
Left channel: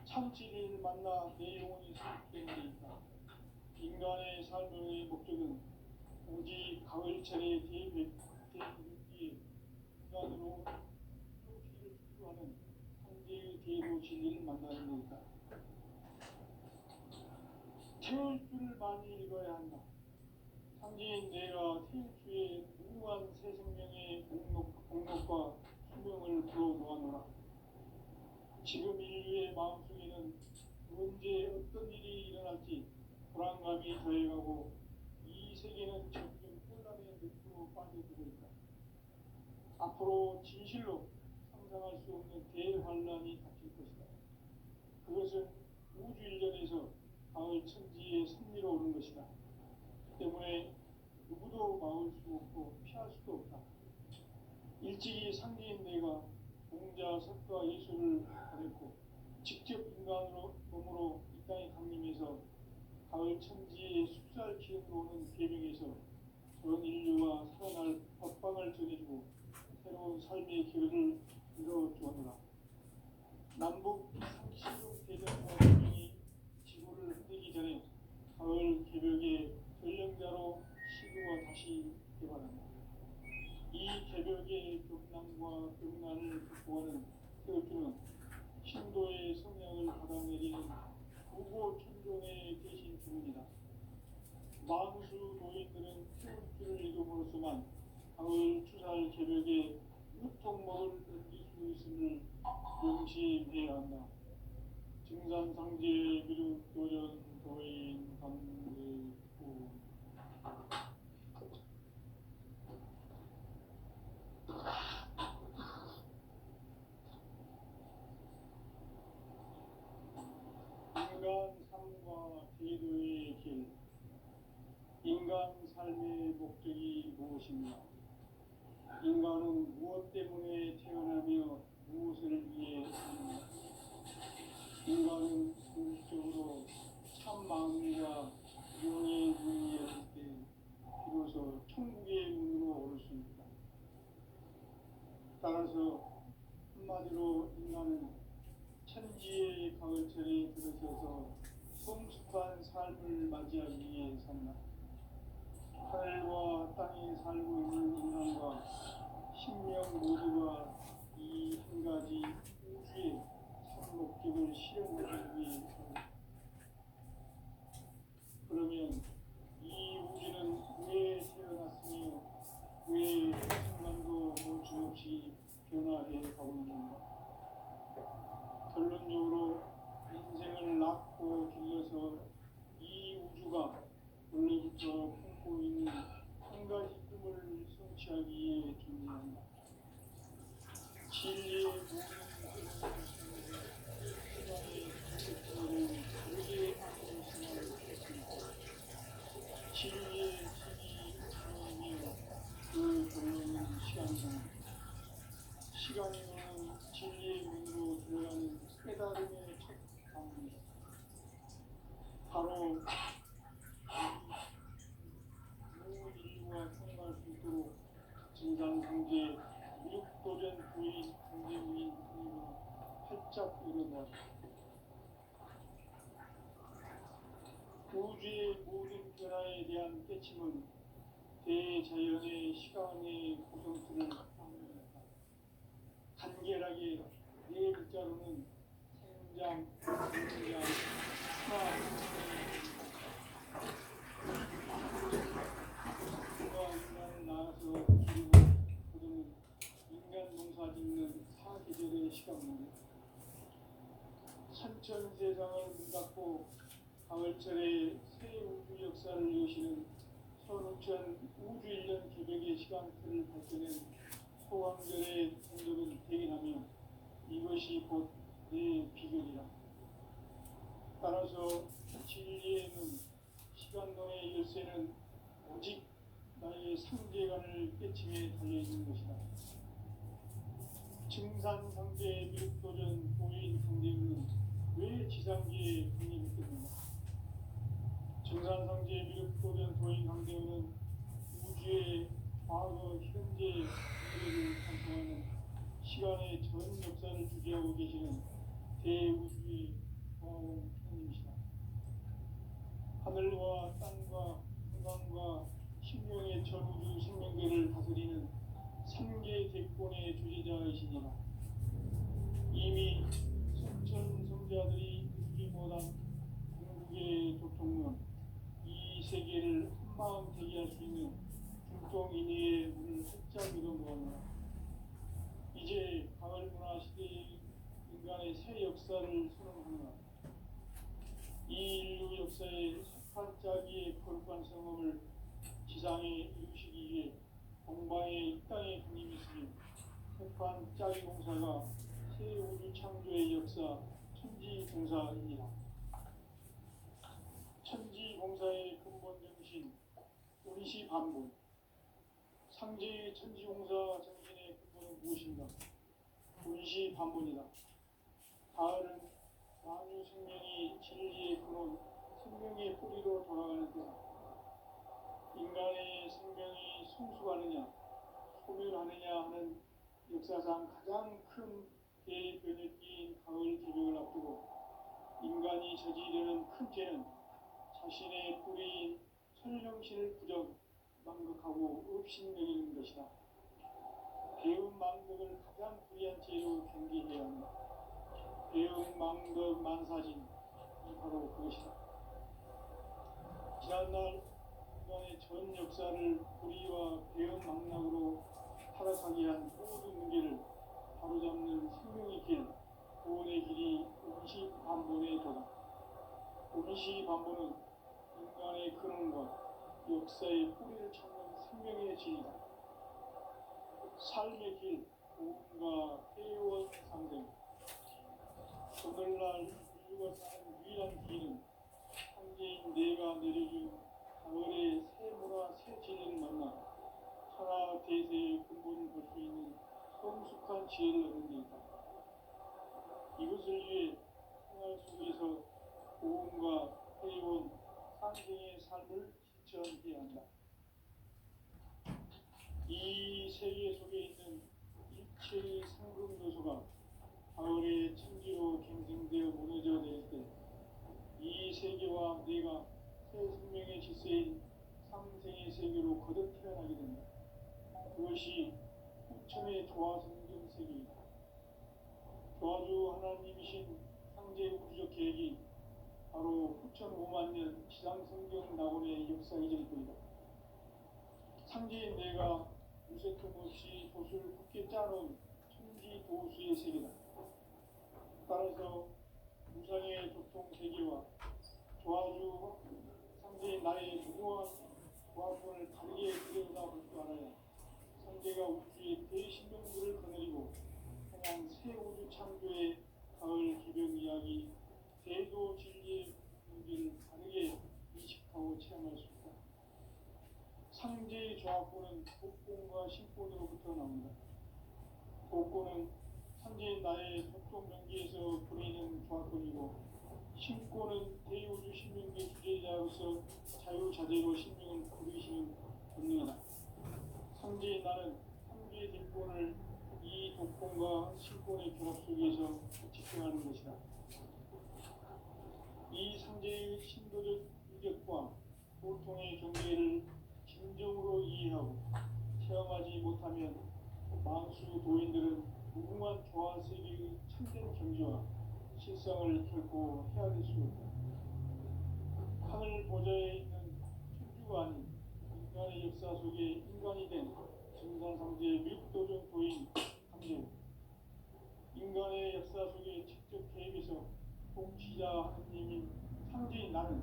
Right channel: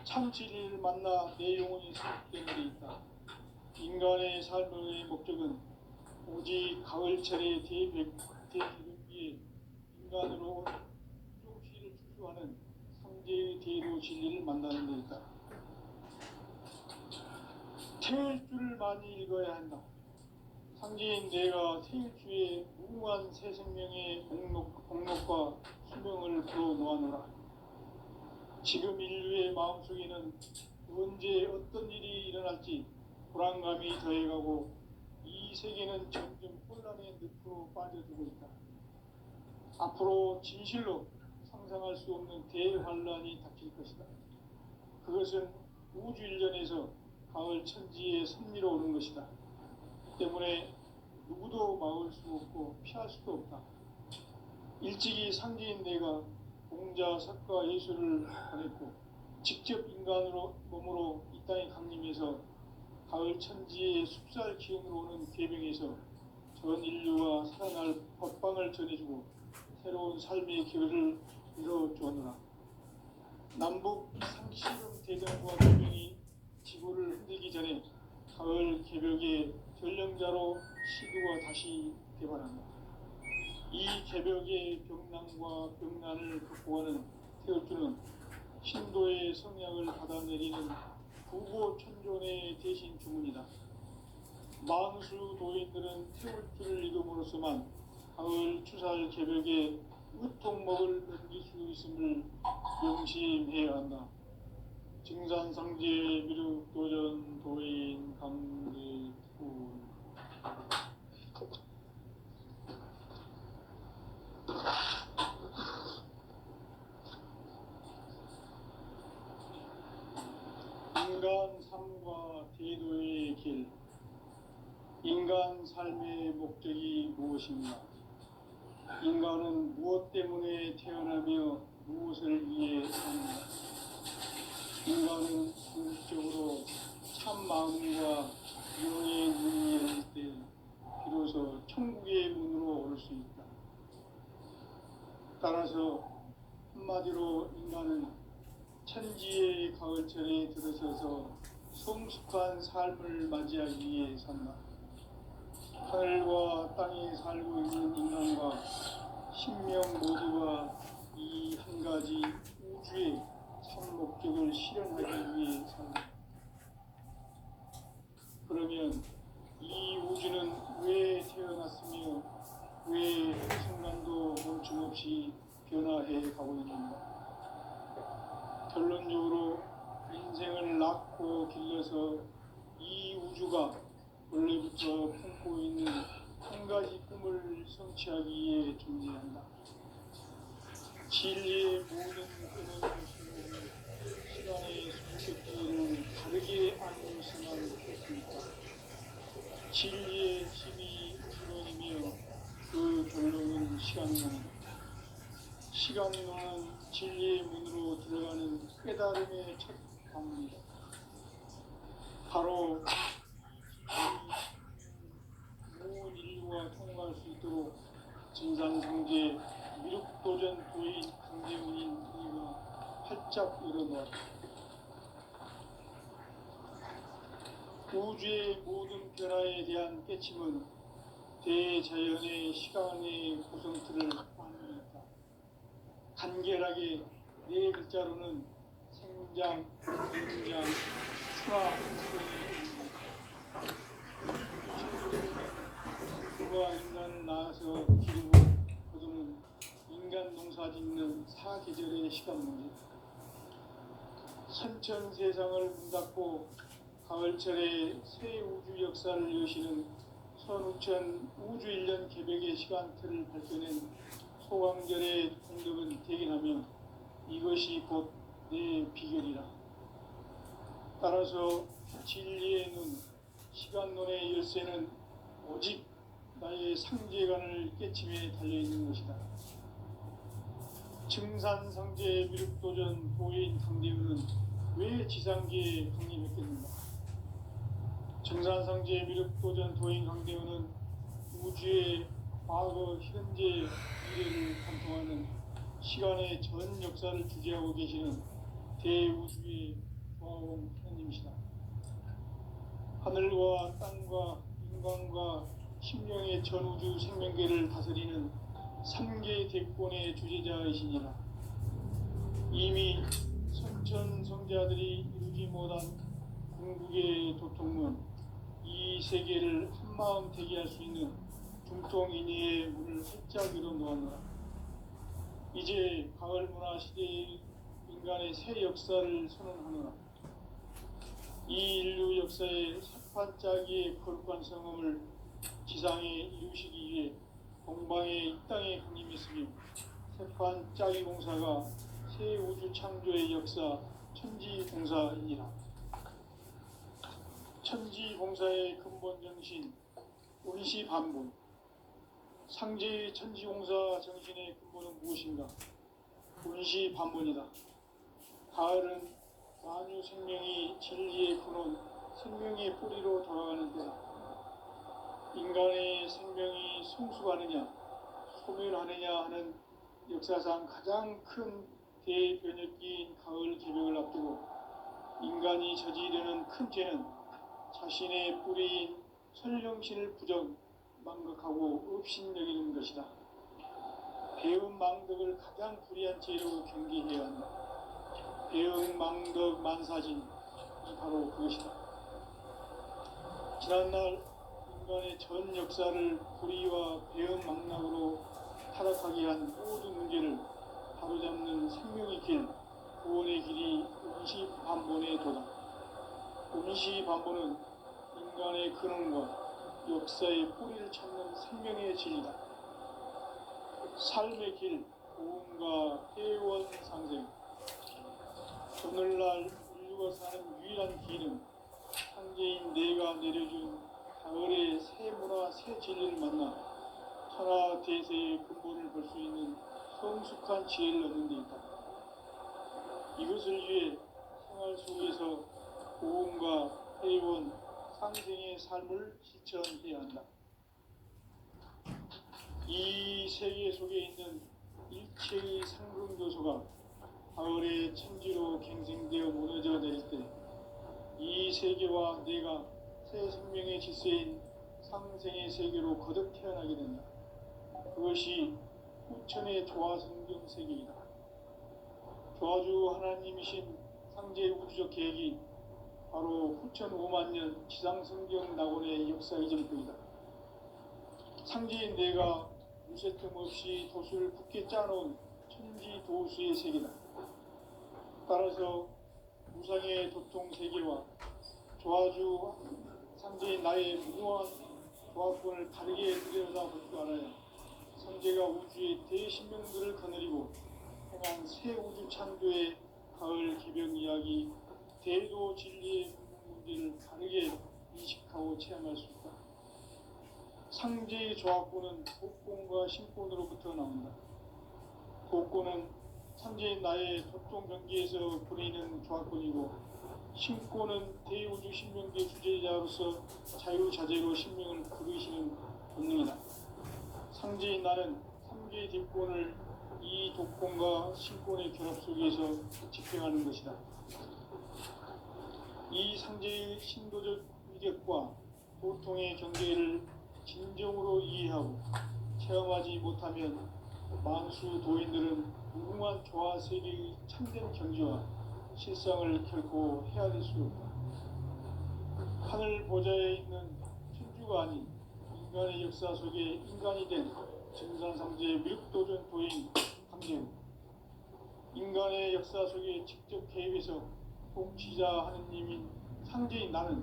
참 진리를 만나 내 영혼이 승리되는 데 있다. 인간의 삶의 목적은 오직 가을철의 대기름기에 인간으로 형식을 축소하는 상제의 대도 진리를 만나는 데 있다. 태일주를 많이 읽어야 한다. 상제인 내가 태일주의 무궁한 새 생명의 공록과 수명을 불어놓아노라. 지금 인류의 마음속에는 언제 어떤 일이 일어날지 불안감이 더해가고 이 세계는 점점 혼란의 늪으로 빠져들고 있다. 앞으로 진실로 상상할 수 없는 대환란이 닥칠 것이다. 그것은 우주 일전에서 가을 천지에 섭리로 오는 것이다. 때문에 누구도 막을 수 없고 피할 수도 없다. 일찍이 상제인 내가 공자, 석가, 예수를 보냈고 직접 인간으로 몸으로 이 땅에 강림해서 가을 천지의 숲살 기운으로 오는 계명에서 전 인류와 살아날 법방을 전해주고 새로운 삶의 기회를 이뤄주었노라. 남북 상시름 대전과 계명이 지구를 흔들기 전에 가을 개벽의 전령자로 시구가 다시 개발한다. 이 개벽의 병난과 병난을 극복하는 태울주는 신도의 성약을 받아내리는 구고천존의 대신 주문이다. 만수 도인들은 태울주를 읽음으로써만 가을 추살 개벽에 으통먹을 넘길 수 있음을 명심해야 한다. 증산상제 미륵도전 도인 강제훈. 인간 삶과 대도의 길. 인간 삶의 목적이 무엇인가? 인간은 무엇 때문에 태어나며 무엇을 위해 사는가? 인간은 궁극적으로 참 마음과 영의 눈이 열릴 때 비로소 천국의 문으로 오를 수 있다. 따라서 한마디로 인간은 천지의 가을철에 들어서서 성숙한 삶을 맞이하기 위해 산다. 하늘과 땅에 살고 있는 인간과 신명 모두가 이 한 가지 우주의 참 목적을 실현하기 위해 산다. 그러면 이 우주는 왜 태어났으며 왜 순간도 멈춤없이 변화해 가고 있는가? 결론적으로 인생을 낳고 길러서 이 우주가 원래부터 품고 있는 한 가지 꿈을 성취하기 위해 존재한다. 진리의 모든 꿈은 시간의 숙제를 깨달음의 첫 방문이다. 바로 온 인류가 통과할 수 있도록 증산성제 미륵도전 도인 강대문인 우리가 활짝 열어놓았다. 우주의 모든 변화에 대한 깨침은 대자연의 시간의 구성틀을 반영했다. 간결하게 네 글자로는 생장, 성장, 순화, 누가 인간 낳아서 기르고 거두는 인간 농사 짓는 사계절의 시간 문제. 선천 세상을 문 닫고 가을철에 새 우주 역사를 여시는 선우천 우주 1년 개벽의 시간틀을 밝혀낸 소강절의 공덕은 대견하며 이것이 곧 내 비결이라. 따라서 진리의 눈, 시간론의 열쇠는 오직 나의 상제관을 깨침에 달려있는 것이다. 증산성제 미륵도전 도인 강대우는 왜 지상계에 강림했겠는가? 증산성제 미륵도전 도인 강대우는 우주의 과거, 현재, 미래를 관통하는 시간의 전 역사를 주재하고 계시는 대우주의 조화공 하나님이시다. 하늘과 땅과 인간과 심령의 전우주 생명계를 다스리는 3계 대권의 주제자이시니라. 이미 선천성자들이 이루지 못한 궁극의 도통문, 이 세계를 한마음 대기할 수 있는 중통인의의 문을 활짝 열어놓았노라. 이제 가을 문화 시대의 인간의 새 역사를 선언하노라. 이 인류 역사의 세판짜기의 거룩한 성음을 지상에 이루시기 위해 동방의 이 땅에 강림했으며 세판짜기 공사가 새 우주 창조의 역사 천지공사이니라. 천지공사의 근본 정신 운시반본. 상제의 천지공사 정신의 근본은 무엇인가? 운시반본이다. 가을은 만유 생명이 진리의 근원, 생명의 뿌리로 돌아가는 때다. 인간의 생명이 성숙하느냐, 소멸하느냐 하는 역사상 가장 큰 대변혁기인 가을 개벽을 앞두고 인간이 저지르는 큰 죄는 자신의 뿌리인 설령신을 부정, 망각하고 업신여기는 것이다. 배움 망덕을 가장 불의한 죄로 경계해야 한다. 배움 망덕 만사진이 바로 그것이다. 지난날 인간의 전 역사를 불의와 배움 망락으로 타락하게 한 모든 문제를 바로잡는 생명의 길, 구원의 길이 운시반본의 도다. 운시반본은 인간의 근원과 역사의 뿌리를 찾는 생명의 진리다. 삶의 길, 고음과 회원 상생. 오늘날 인류가 사는 유일한 길은 상제인 내가 내려준 가을의 새 문화, 새 진리를 만나 천하 대세의 근본을 볼 수 있는 성숙한 지혜를 얻는 데 있다. 이것을 위해 생활 속에서 고음과 회원, 상생의 삶을 실천해야 한다. 이 세계 속에 있는 일체의 상승 요소가 가을의 천지로 갱생되어 무너져 내릴 때 이 세계와 내가 새 생명의 질서인 상생의 세계로 거듭 태어나게 된다. 그것이 후천의 조화성경 세계이다. 조화주 하나님이신 상제 우주적 계획이 바로 후천 5만년 지상성경 낙원의 역사 이전부이다. 상제인 내가 무쇠틈 없이 돛을 굳게 짜놓은 천지도수의 세계다. 따라서 무상의 도통 세계와 조화주 상제인 나의 무궁한 조화권을 다르게 들여다볼 줄 알아야 상제가 우주의 대신명들을 거느리고 행한 새 우주 창조의 가을 개벽 이야기, 대도 진리의 문제를 다르게 인식하고 체험할 수 있다. 상제의 조합권은 복권과 신권으로부터 나온다. 복권은 상제인 나의 독종 경기에서 보내는 조합권이고 신권은 대우주 신명계 주제자로서 자유자재로 신명을 부르시는 본능이다. 상제인 나는 3개의 뒷권을 이 독권과 신권의 결합 속에서 집행하는 것이다. 이 상제의 신도적 위력과 보통의 경계를 진정으로 이해하고 체험하지 못하면 만수 도인들은 무궁한 조화 세계의 참된 경지와 실상을 결코 헤아릴 수 없다. 하늘 보좌에 있는 천주가 아닌 인간의 역사 속에 인간이 된 증산상제의 미륵도전 도인 강제우, 인간의 역사 속에 직접 개입해서 통치자 하느님인 상제인 나는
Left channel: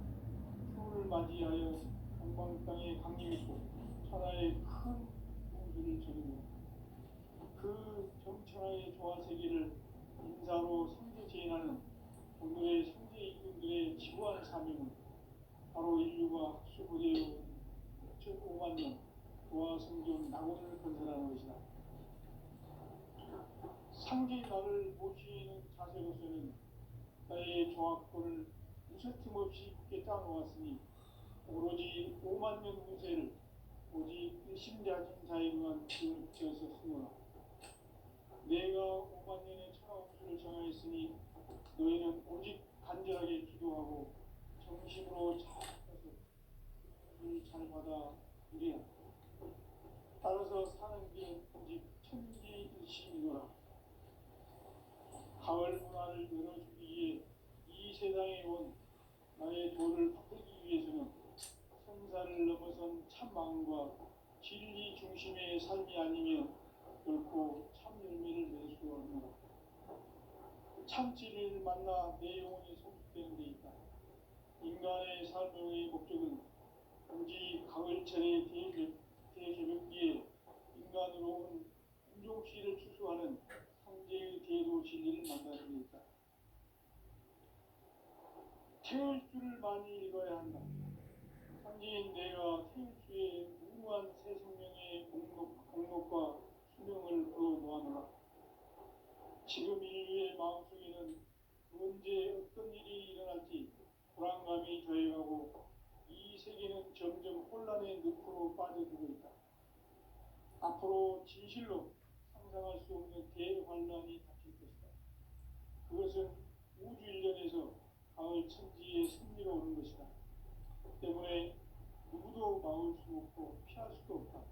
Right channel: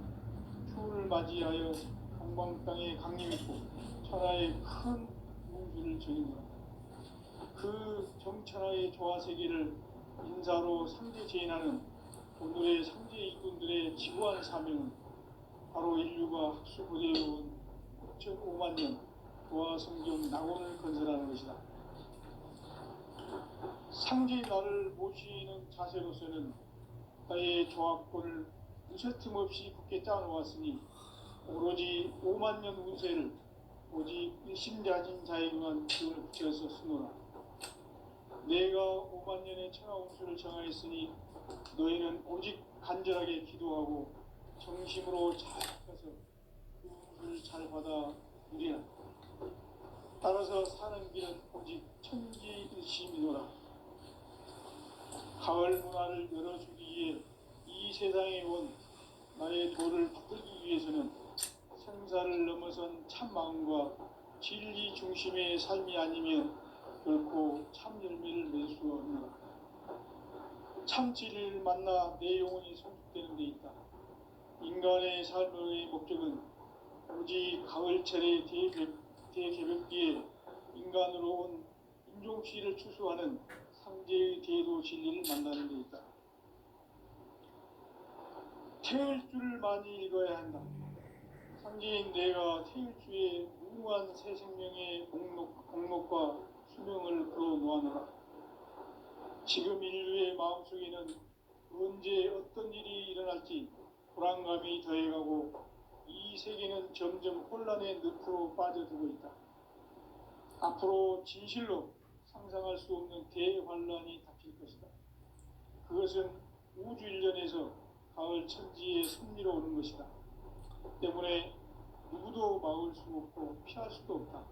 추운을 맞이하여 동방 땅에 강림했고 천하의 큰 무술을 정했노라. 그 정천하의 조화 세계를 인사로 상제 제인하는 오늘의 상제 이군들의 지구한 사명은 바로 인류가 학수부대해온 5만 년 조화 성경 낙원을 건설하는 것이다. 상제의 나를 모시는 자세로서는 나의 조합권을 무쇠틈 없이 굳게 짜놓았으니 오로지 5만 년 운세를 오직 일심자진 자에게만 기운을 붙여서 쓰노라. 내가 5만 년의 천하 운수를 정하였으니 너희는 오직 간절하게 기도하고 정심으로 잘 해서 그 운수를 잘 받아 누리라. 따라서 사는 길은 오직 천지일심이노라. 가을 문화를 열어주기 위해 이 세상에 온 나의 도를 받들기 위해서는 생사를 넘어선 참 마음과 진리 중심의 삶이 아니면 결코 참 열매를 맺을 수 없노라. 참 진리를 만나 내 영혼이 성숙되는 데 있다. 인간의 삶의 목적은 오직 가을철의 대개벽기에 인간으로 온 인종시를 추수하는 상제의 대도 진리를 만나는 데 있다. 태을 줄을 많이 읽어야 한다. 상제인 내가 태을 주에 무궁한 새 생명의 목록과 수명을 걸어놓아노라. 지금 인류의 마음속에는 언제 어떤 일이 일어날지 불안감이 더해가고 이 세계는 점점 혼란의 늪으로 빠져들고 있다. 앞으로 진실로 상상할 수 없는 대환란이 닥칠 것이다. 그것은 우주 일련에서 가을 천지의 섭리로 오는 것이다. 때문에 누구도 막을 수 없고 피할 수도 없다.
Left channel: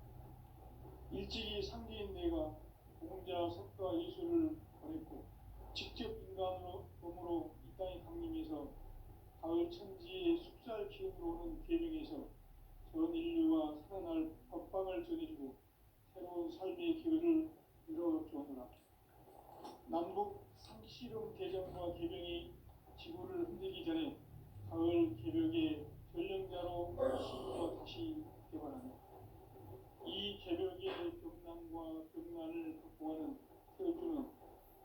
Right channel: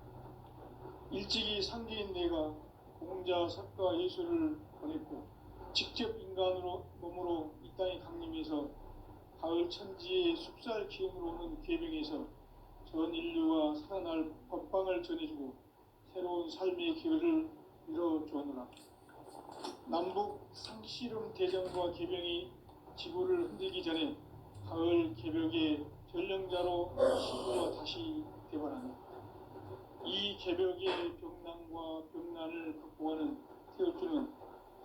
일찍이 상제인 내가 공자, 석가, 예수를 보냈고 직접 인간으로 몸으로 이 땅에 강림해서 가을 천지의 숲살 기운으로 오는 궤병에서 전 인류가 살아날 법방을 전해주고 새로운 삶의 기회를 이뤄주었노라. 남북 상씨름 대전과 개병이 지구를 흔들기 전에 가을 개벽의 전령자로 신부가 다시 개발한다. 이 개벽의 병난과 병난을 극복하는 태울주는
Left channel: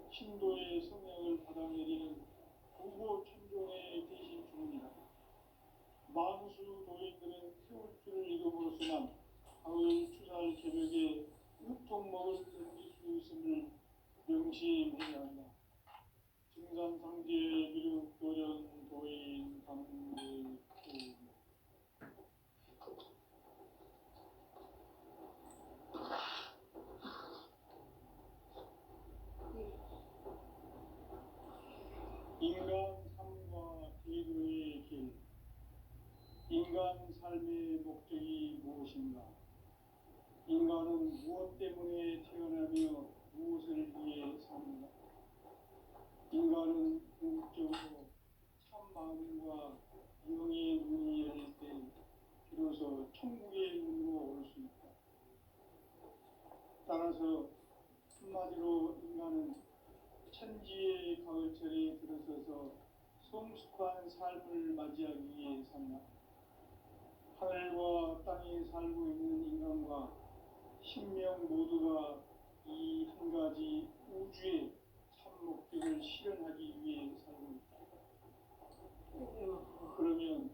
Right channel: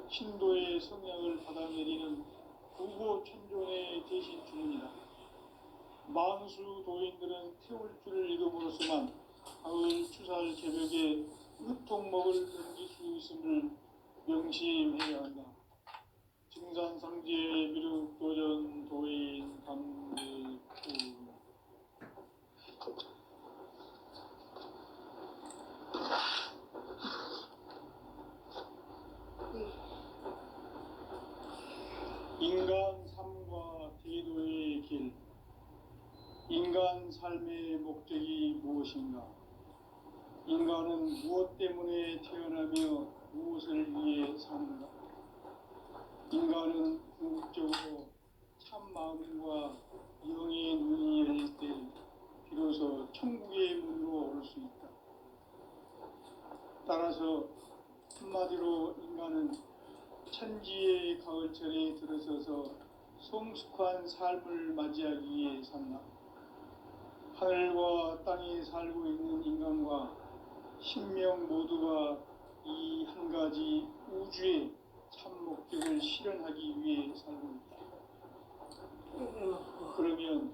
신도의 성향을 받아내리는 구고 천존의 대신 주문이다. 만수 도인들은 태울주를 읽음으로써만 가을 추살 개벽의 으통목을 넘길 수 있음을 명심해야 한다. 증산상제의 미륵 도전 도인 강대구. 인간 삶과 대도의 길. 인간 삶의 목적이 무엇인가? 인간은 무엇 때문에 태어나며 무엇을 위해 사는가? 인간은 궁극적으로 참 마음과 영의 눈이 열릴 때 비로소 천국의 문으로 올 수 있다. 따라서 한마디로 인간은 천지의 가을철에 들어서서 성숙한 삶을 맞이하기 위해 산다. 하늘과 땅에 살고 있는 인간과 신명 모두가 이 한 가지 우주의 참 목적을 실현하기 위해 살고 있다. 그러면